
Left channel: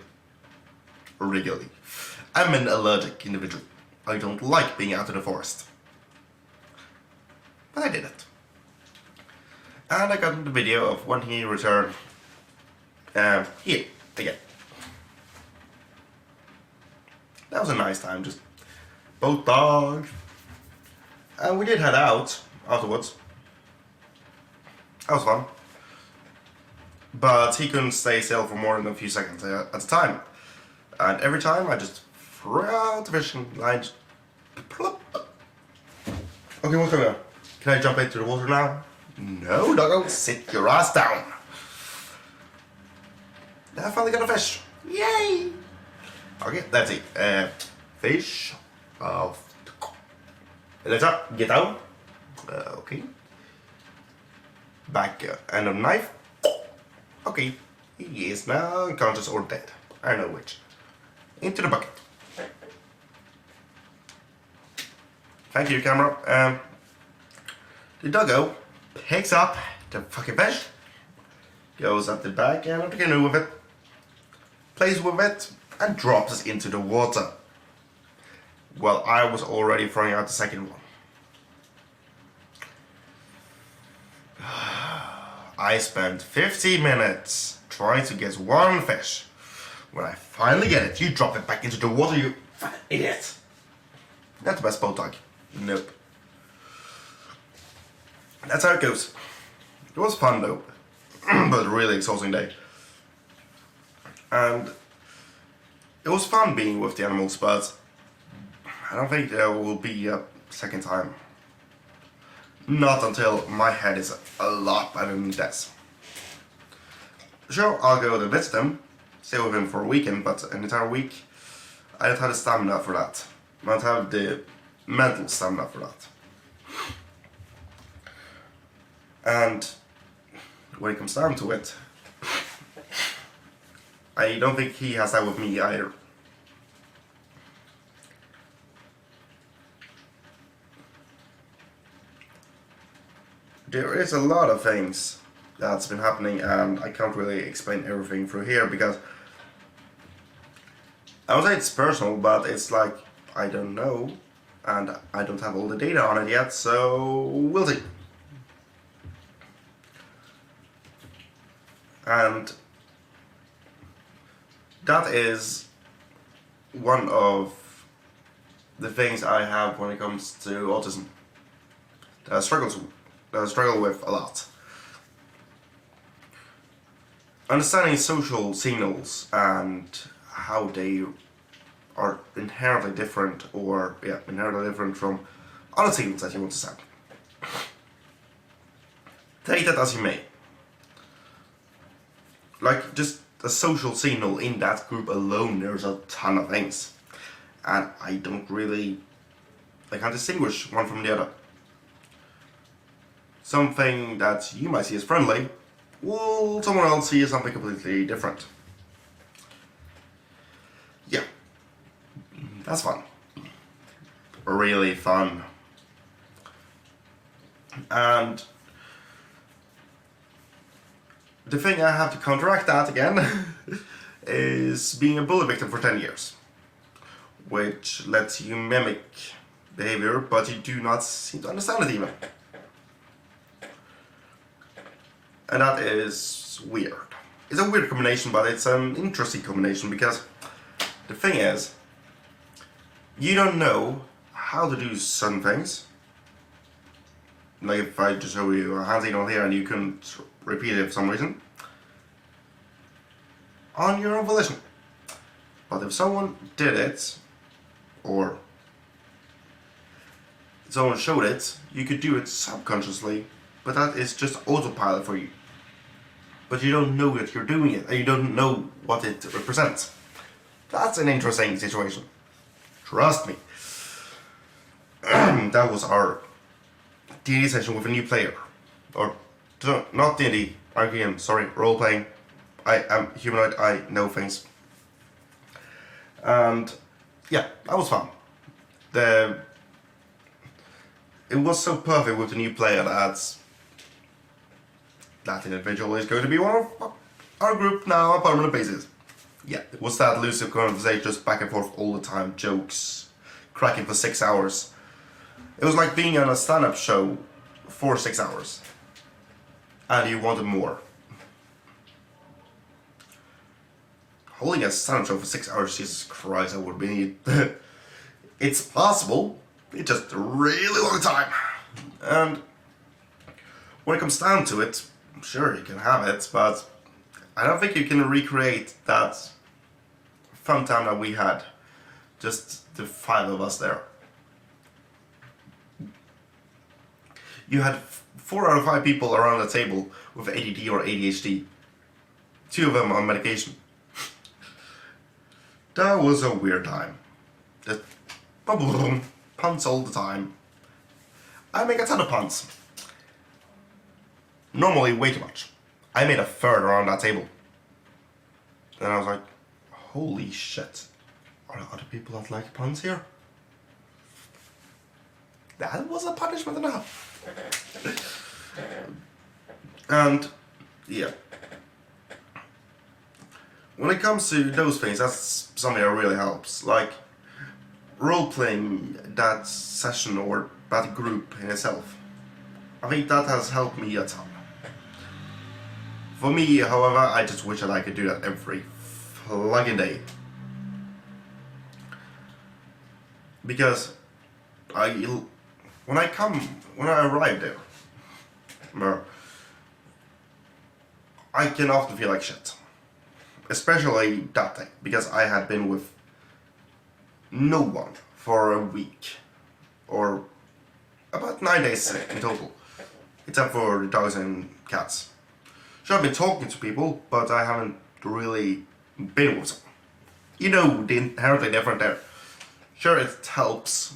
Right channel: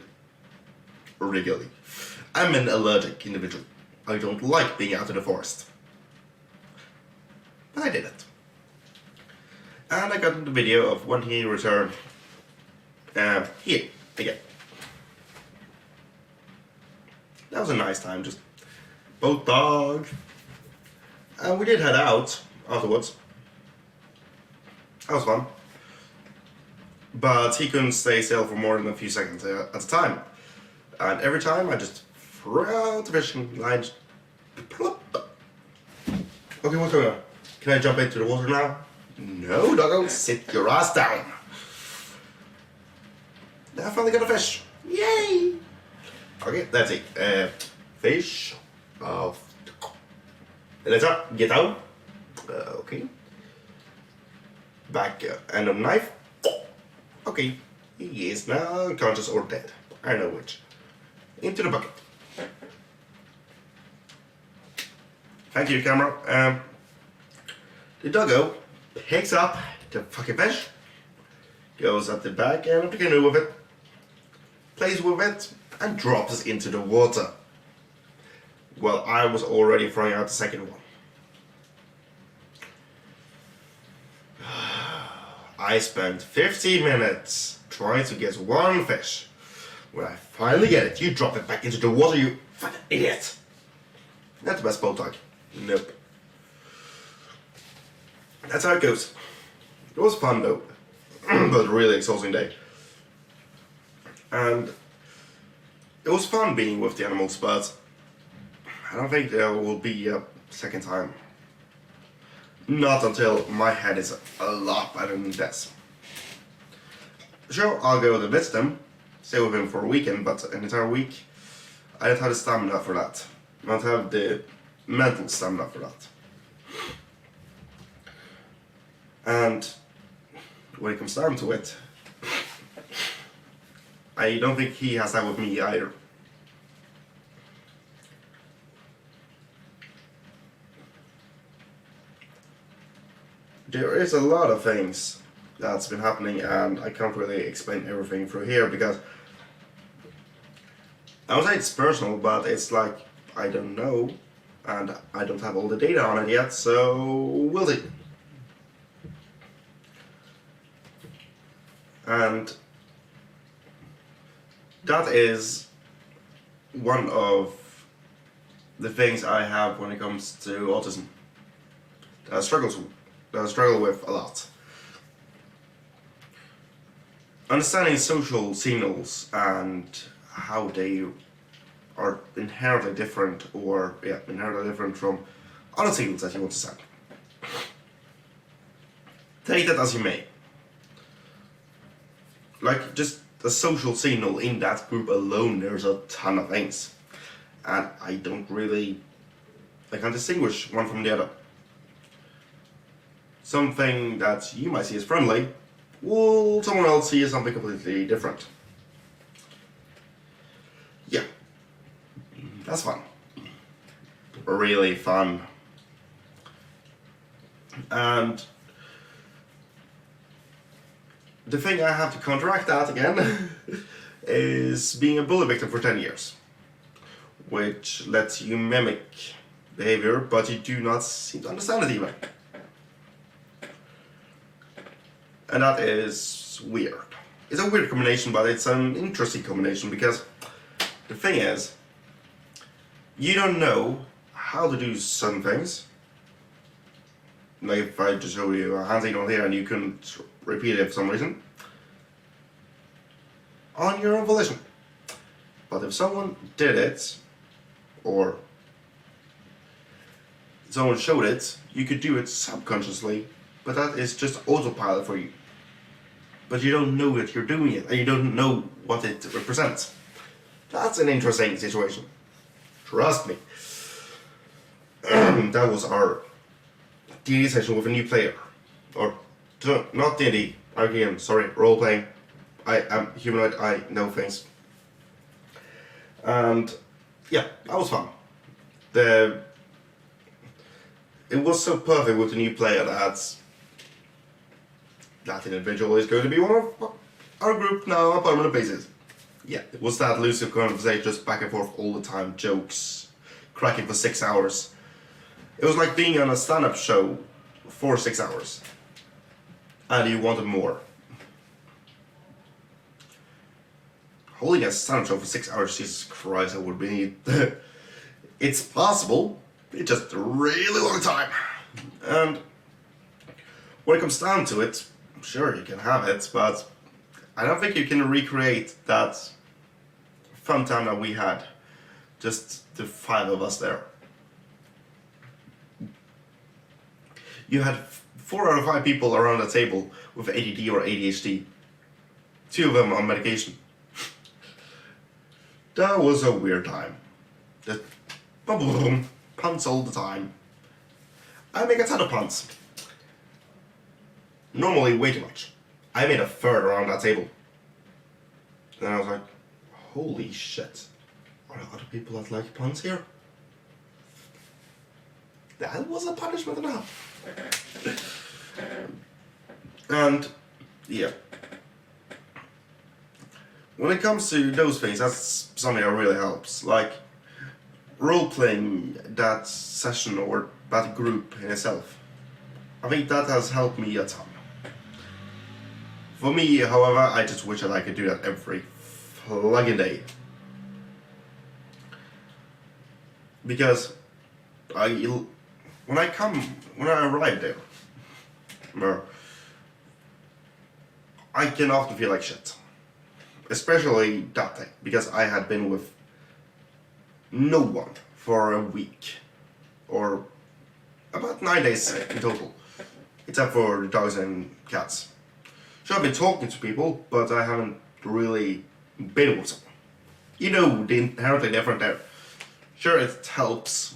I'm an allergic individual. I don't like being out in the forest. But I did it. And I got the video of when he returned here again. That was a nice time, just both dogs. And we did head out afterwards. That was fun. But he couldn't stay still for more than a few seconds at a time. And every time I just threw out the fishing line. Plop. Okay, what's going on? Can I jump into the water now? No, doggo, sit your ass down. I finally got a fish. Yay! Okay, that's it. Fish. Let's up. Get down. Okay. Back end of knife. Okay. He is now unconscious or dead. I don't know which. Into the bucket. Thank you, camera. The doggo picks up the fucking fish, goes up the back end of the canoe with it, plays with it, and drops it into the water. Well, I was already throwing out the second one. I spent 15 minutes trying to get one fish. When I finally get it, you drop it back into the water, you fucking idiot. Not the best boat dog. Nope. That's how it goes. It was fun though, but really exhausting day. And it was fun being with the animals, but I don't think there will be a second time. Not until my head is a lot better than this. Sure, I'll go to visit them, stay with them for a weekend, but an entire week, I don't have the stamina for that. I don't have the mental stamina for that. And when it comes down to it, I don't think he has that with me either. there is a lot of things that's been happening, and I can't really explain everything through here because I would say it's personal, but it's like I don't know, and I don't have all the data on it yet, so we'll see. And that is one of the things I have when it comes to autism that I struggle with a lot. Understanding social signals and how they are inherently different from other signals that you want to send. Take that as you may. Like, just a social signal in that group alone, there's a ton of things. And I can't distinguish one from the other. Something that you might see as friendly, will someone else see as something completely different. Yeah, that's fun. Really fun. And the thing I have to counteract that again is being a bully victim for 10 years. Which lets you mimic behavior, but you do not seem to understand it even. And that is weird. It's a weird combination, but it's an interesting combination because the thing is, you don't know how to do certain things. Like if I just show you a hand signal here and you couldn't repeat it for some reason, on your own volition. But if someone did it, or someone showed it, you could do it subconsciously, but that is just autopilot for you. But you don't know that you're doing it, and you don't know what it represents. That's an interesting situation. Trust me. That was our D&D session with a new player. Or, not D&D, RPM, sorry, role-playing. I am humanoid, I know things. And yeah, that was fun. It was so perfect with the new player that individual is going to be one of our group now on a permanent basis. Yeah, it was that elusive conversation, just back and forth all the time, jokes, cracking for 6 hours. It was like being on a stand-up show for 6 hours. And you wanted more. Holding a stand-up show for 6 hours, Jesus Christ, that would be... It's possible, it's just a really long time. And when it comes down to it, sure, you can have it, but I don't think you can recreate that fun time that we had. Just the 5 of us there. You had 4 out of 5 people around the table with ADD or ADHD. 2 of them on medication. That was a weird time. Just puns all the time. I make a ton of puns. Normally way too much. I made a third around that table. And I was like, holy shit. Are there other people that like puns here? That was a punishment enough. And yeah. When it comes to those things, that's something that really helps. Like role-playing that session or that group in itself. I think that has helped me a ton. For me, however, I just wish that I could do that every fucking day. Because when I arrive there, I can often feel like shit. Especially that day, because I had been with no one for a week. Or about 9 days in total. Except for the dogs and cats. Sure, I've been talking to people, but I haven't really been with someone. You know, the inherently different there. Sure, it helps.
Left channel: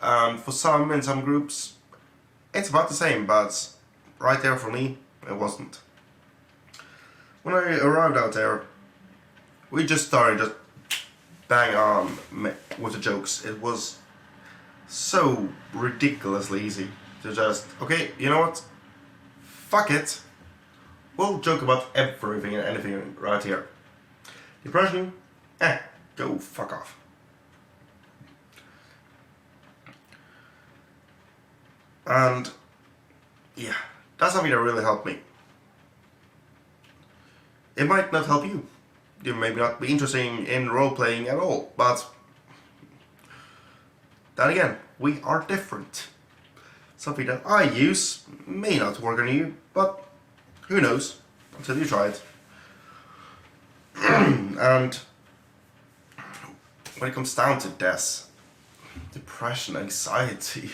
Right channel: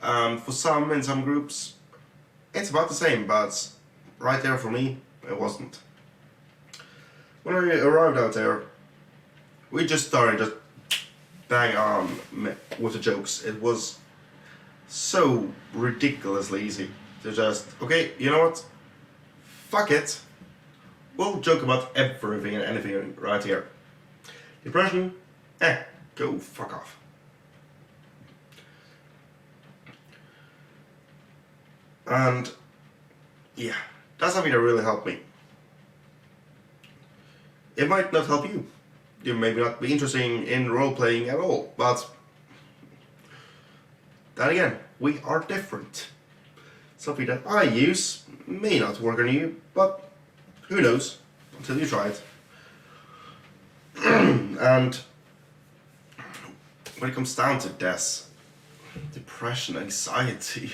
And for some, in some groups, it's about the same, but right there for me, it wasn't. When I arrived out there, we just started just bang on with the jokes. It was so ridiculously easy. to just, okay, you know what? Fuck it. We'll joke about everything and anything right here. Depression? Go fuck off. And yeah, that's something that really helped me. It might not help you. You may not be interested in role-playing at all, but then again, we are different. Something that I use may not work on you, but who knows until you try it. And when it comes down to this, depression, anxiety,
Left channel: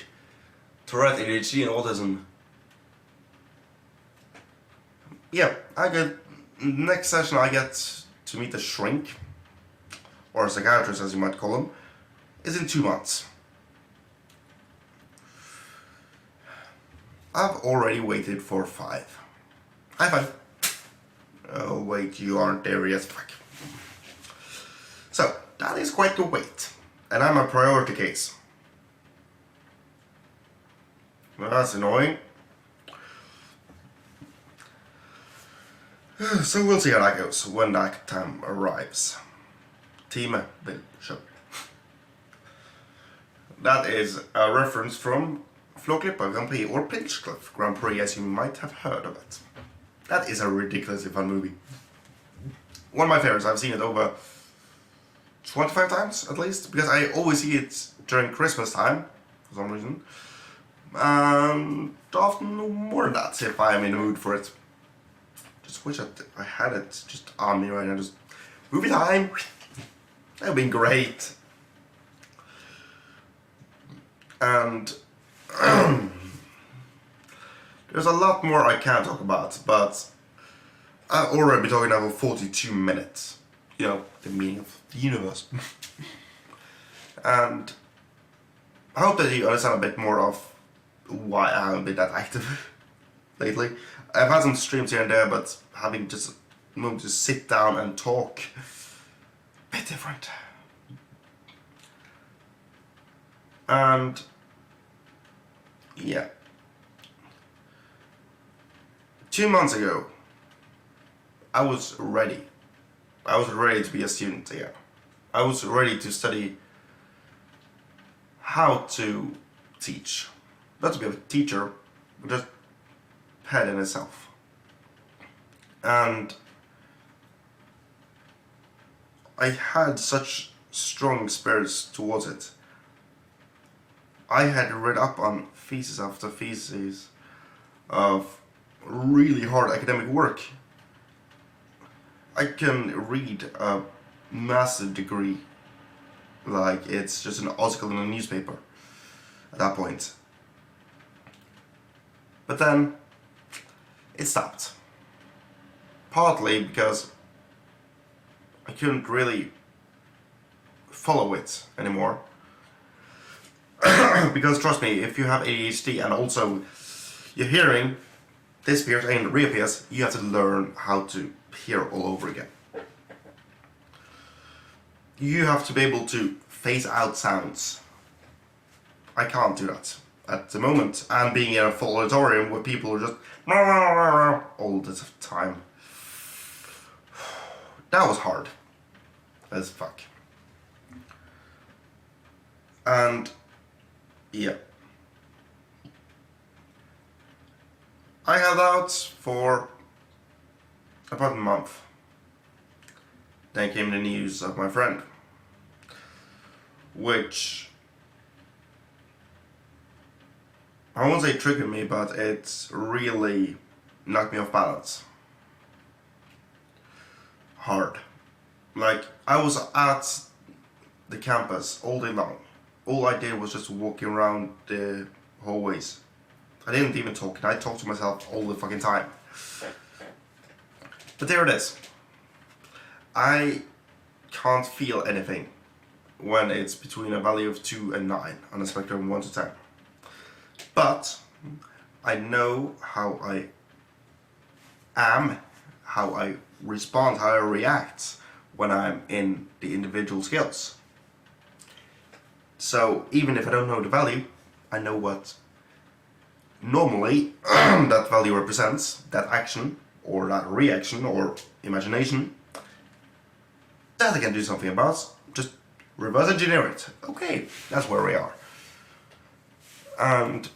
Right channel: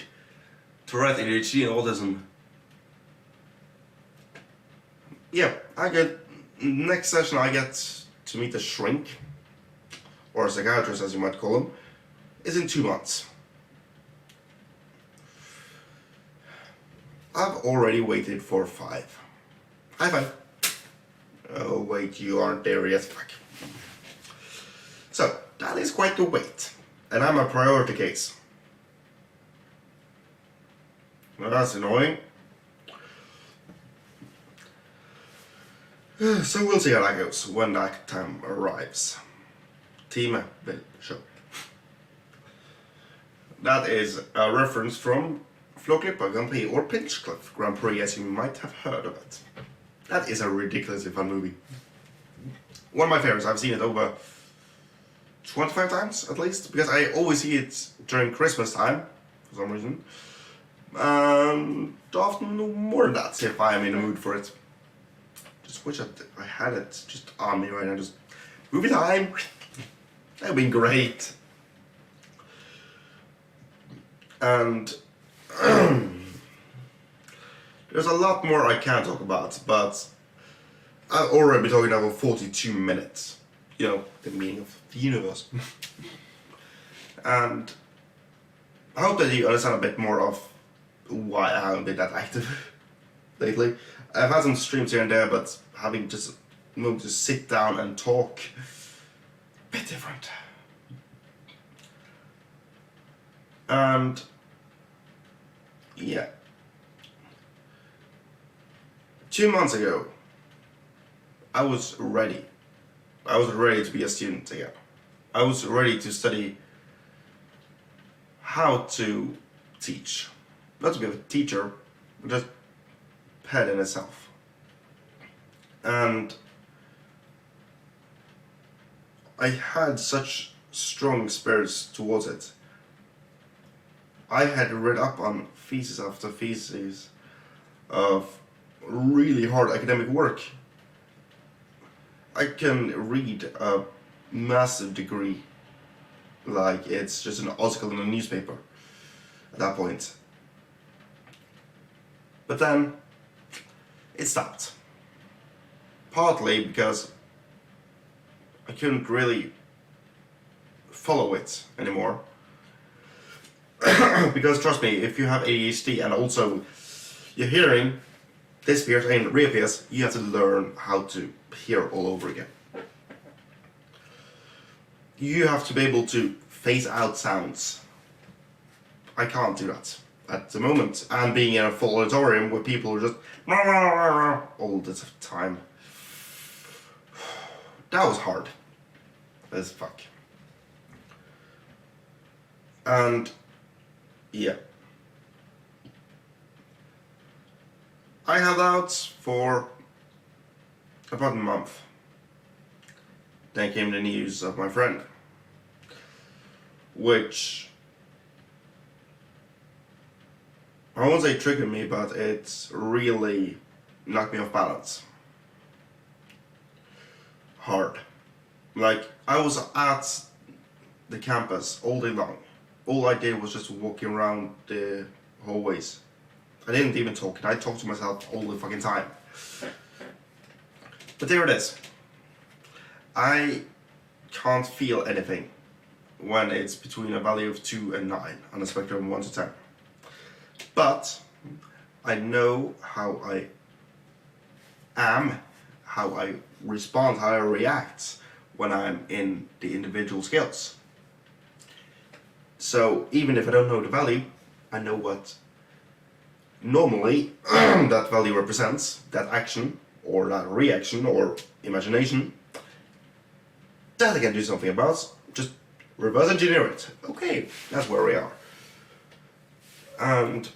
Tourette, ADHD, and autism, yeah, next session I get to meet a shrink, or a psychiatrist as you might call him, is in 2 months. I've already waited for 5. High five. Oh wait, you aren't there yet, fuck. So, that is quite the wait, and I'm a priority case. Well, that's annoying. So we'll see how that goes when that time arrives. Team Bill Show. That is a reference from Flåklypa Grand Prix, or Pinchcliffe Grand Prix, as you might have heard of it. That is a ridiculously fun movie. One of my favorites. I've seen it over 25 times at least, because I always see it during Christmas time for some reason. And often more than that if I am in the mood for it. Just wish I had it just on me right now. Just movie time. That would be great. And there's a lot more I can talk about, but I've already been talking now for 42 minutes. You know, the meaning of the universe. And I hope that you understand a bit more of why I haven't been that active lately. I've had some streams here and there, but having just moved to sit down and talk, a bit different. And yeah, 2 months ago, I was ready. I was ready to be a student again. I was ready to study how to teach. Not to be a teacher, but just head in itself. And I had such strong spirits towards it. I had read up on thesis after thesis of really hard academic work. I can read a massive degree like it's just an article in a newspaper at that point. But then it stopped. Partly because I couldn't really follow it anymore. Because trust me, if you have ADHD and also your hearing disappears and reappears, you have to learn how to hear all over again. You have to be able to phase out sounds. I can't do that at the moment. And being in a full auditorium where people are just all the time. That was hard as fuck. And yeah, I held out for about a month. Then came the news of my friend, which I won't say triggered me, but it really knocked me off balance. Hard. Like, I was at the campus all day long. All I did was just walking around the hallways. I didn't even talk. I talked to myself all the fucking time. But there it is. I can't feel anything when it's between a value of 2 and 9 on a spectrum of 1 to 10. But I know how I am, how I respond, how I react when I'm in the individual skills. So even if I don't know the value, I know what normally that value represents that action or that reaction or imagination that I can do something about. Just reverse engineer it. Okay, that's where we are. And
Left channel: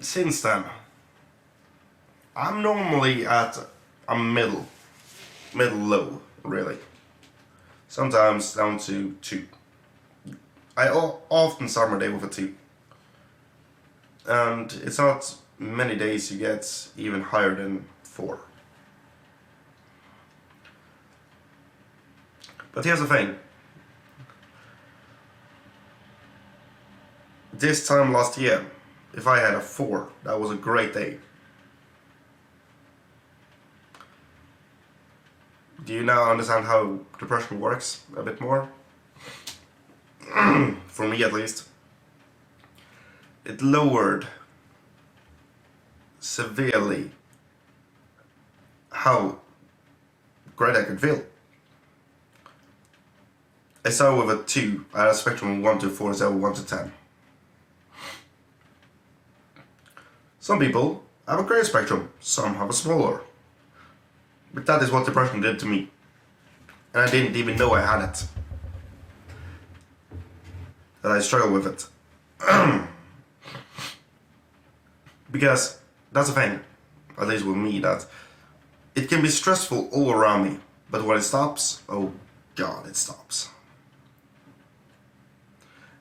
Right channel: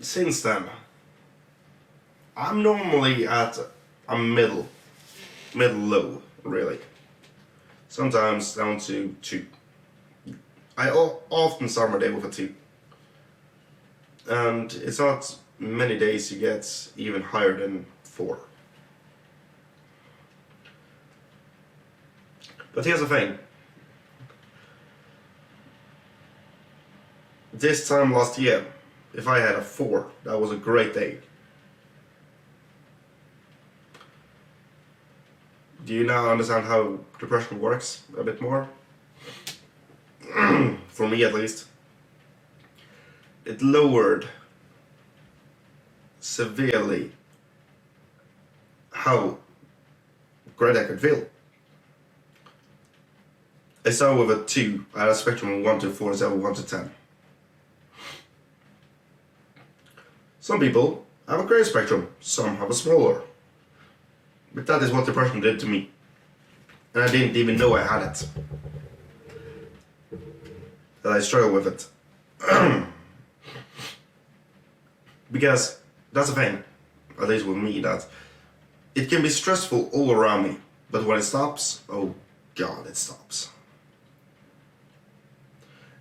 since then, I'm normally at a middle low, really. Sometimes down to 2. I often start my day with a 2. And it's not many days you get even higher than 4. But here's the thing. This time last year, if I had a 4, that was a great day. Do you now understand how depression works a bit more? For me at least. It lowered severely how great I could feel. I started with a 2. I had a spectrum of 1 to 4 instead of 1 to 10. Some people have a greater spectrum, some have a smaller. But that is what depression did to me. And I didn't even know I had it. That I struggled with it. Because that's the thing, at least with me, that it can be stressful all around me. But when it stops, oh God, it stops.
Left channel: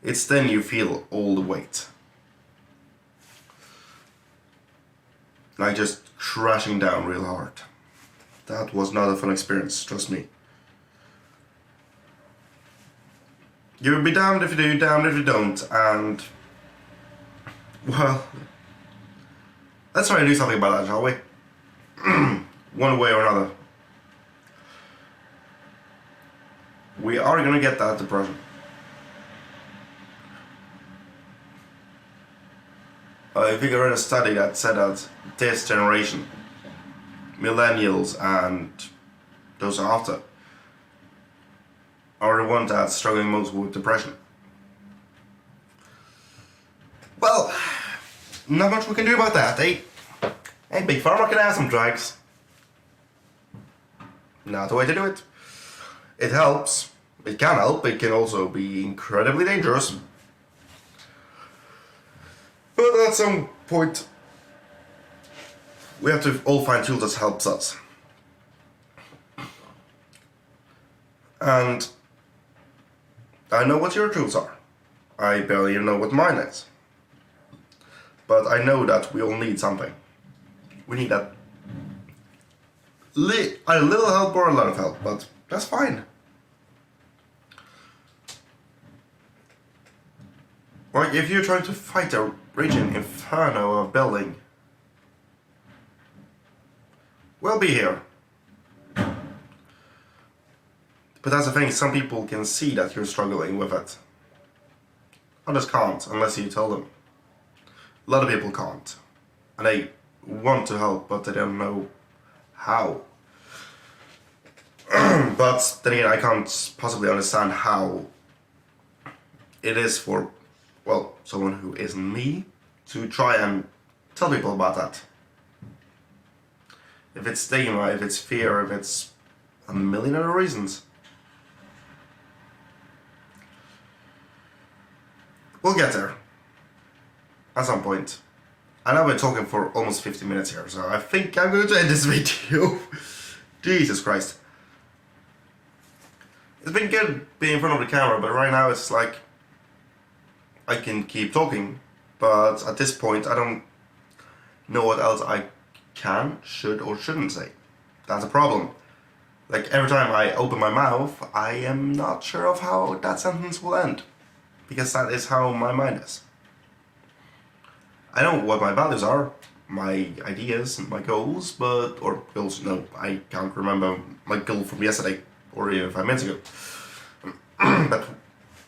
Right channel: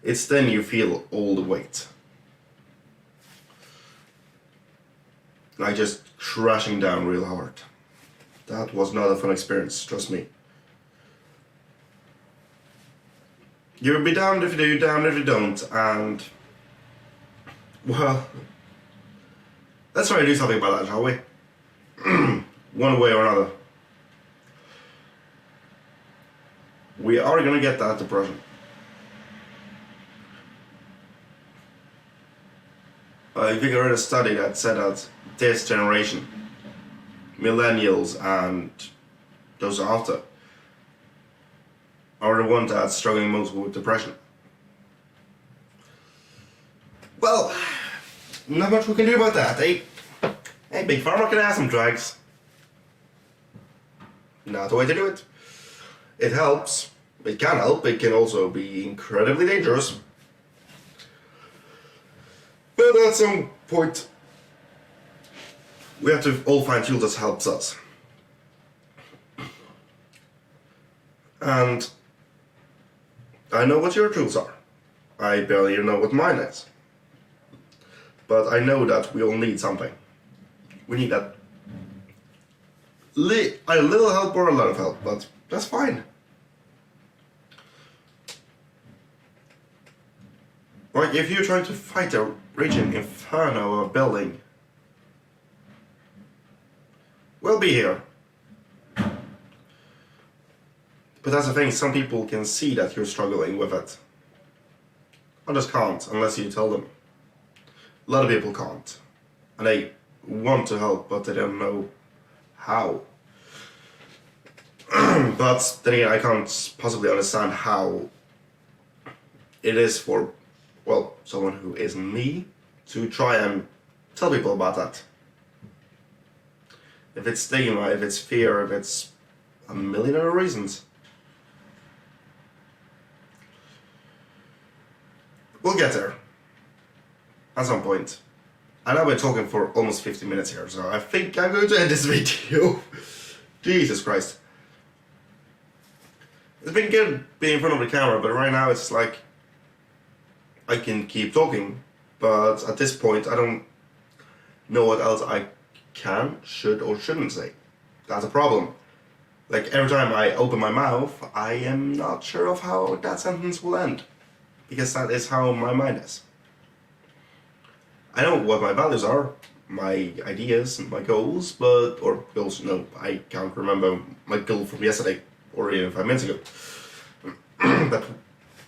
It's then you feel all the weight. Like just crashing down real hard. That was not a fun experience, trust me. You will be damned if you do, damned if you don't, and... well... let's try to do something about that, shall we? One way or another. We are gonna get that depression. I think I read a study that said that this generation, millennials and those after, are the ones that's struggling most with depression. Well, not much we can do about that, eh? Hey, Big Pharma can have some drugs. Not the way to do it. It helps. It can help. It can also be incredibly dangerous. But at some point, we have to all find tools that helps us. And I know what your tools are. I barely know what mine is. But I know that we all need something. We need that a little help or a lot of help, but that's fine. Like if you're trying to fight a raging inferno of building, we'll be here. But that's the thing, some people can see that you're struggling with it. Others can't, unless you tell them. A lot of people can't. And they want to help, but they don't know how. But then again, I can't possibly understand how it is for, well, someone who isn't me to try and tell people about that. If it's stigma, if it's fear, if it's a million other reasons. We'll get there. At some point. I know we're talking for almost 50 minutes here, so I think I'm going to end this video. Jesus Christ. It's been good being in front of the camera, but right now it's like I can keep talking, but at this point I don't know what else I can, should or shouldn't say. That's a problem. Like every time I open my mouth, I am not sure of how that sentence will end. Because that is how my mind is. I know what my values are, my ideas, my goals, but, or goals, no, I can't remember my goal from yesterday, or even 5 minutes ago. But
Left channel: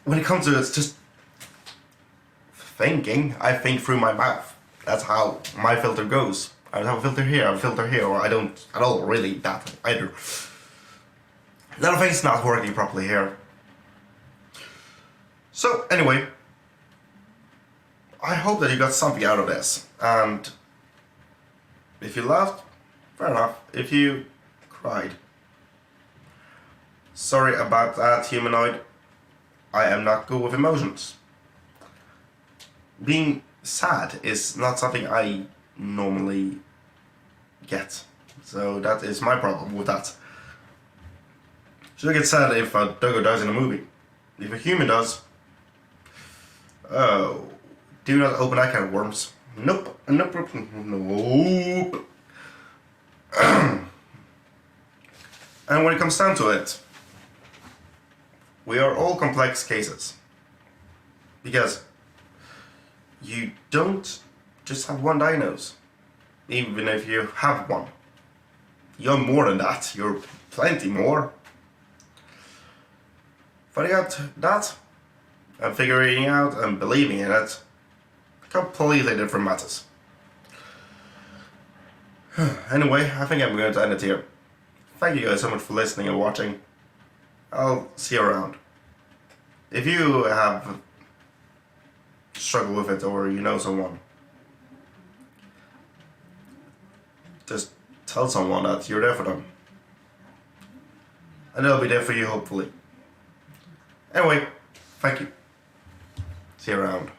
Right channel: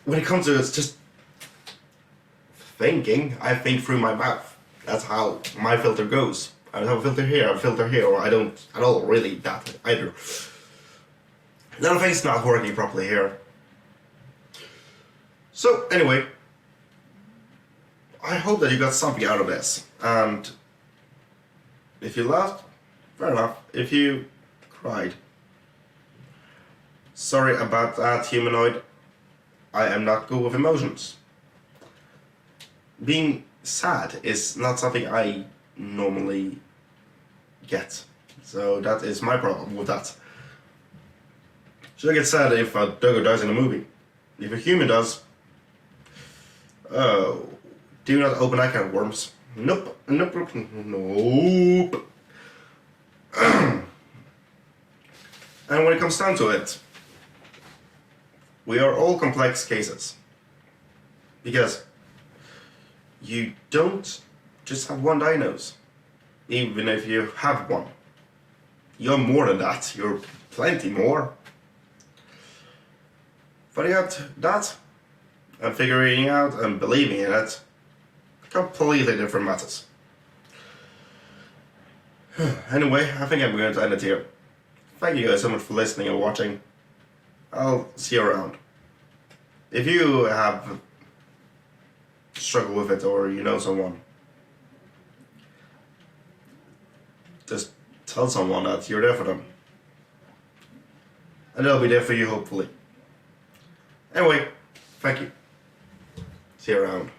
when it comes to it, it's just thinking, I think through my mouth. That's how my filter goes. I don't have a filter here, or I don't at all really that either. That thing's not working properly here. So, anyway, I hope that you got something out of this. And if you laughed, fair enough. If you cried, sorry about that, humanoid. I am not good with emotions. Being sad is not something I normally get. So that is my problem with that. Should I get sad if a doggo dies in a movie? If a human does, oh, do not open that can of worms. Nope, nope, nope. And when it comes down to it, we are all complex cases. Because you don't just have one diagnosis. Even if you have one. You're more than that. You're plenty more. Finding out that and figuring out and believing in it, completely different matters. Anyway, I think I'm going to end it here. Thank you guys so much for listening and watching. I'll see you around. If you have struggled with it or you know someone, just tell someone that you're there for them. And they'll be there for you, hopefully. Anyway, thank you. See you around.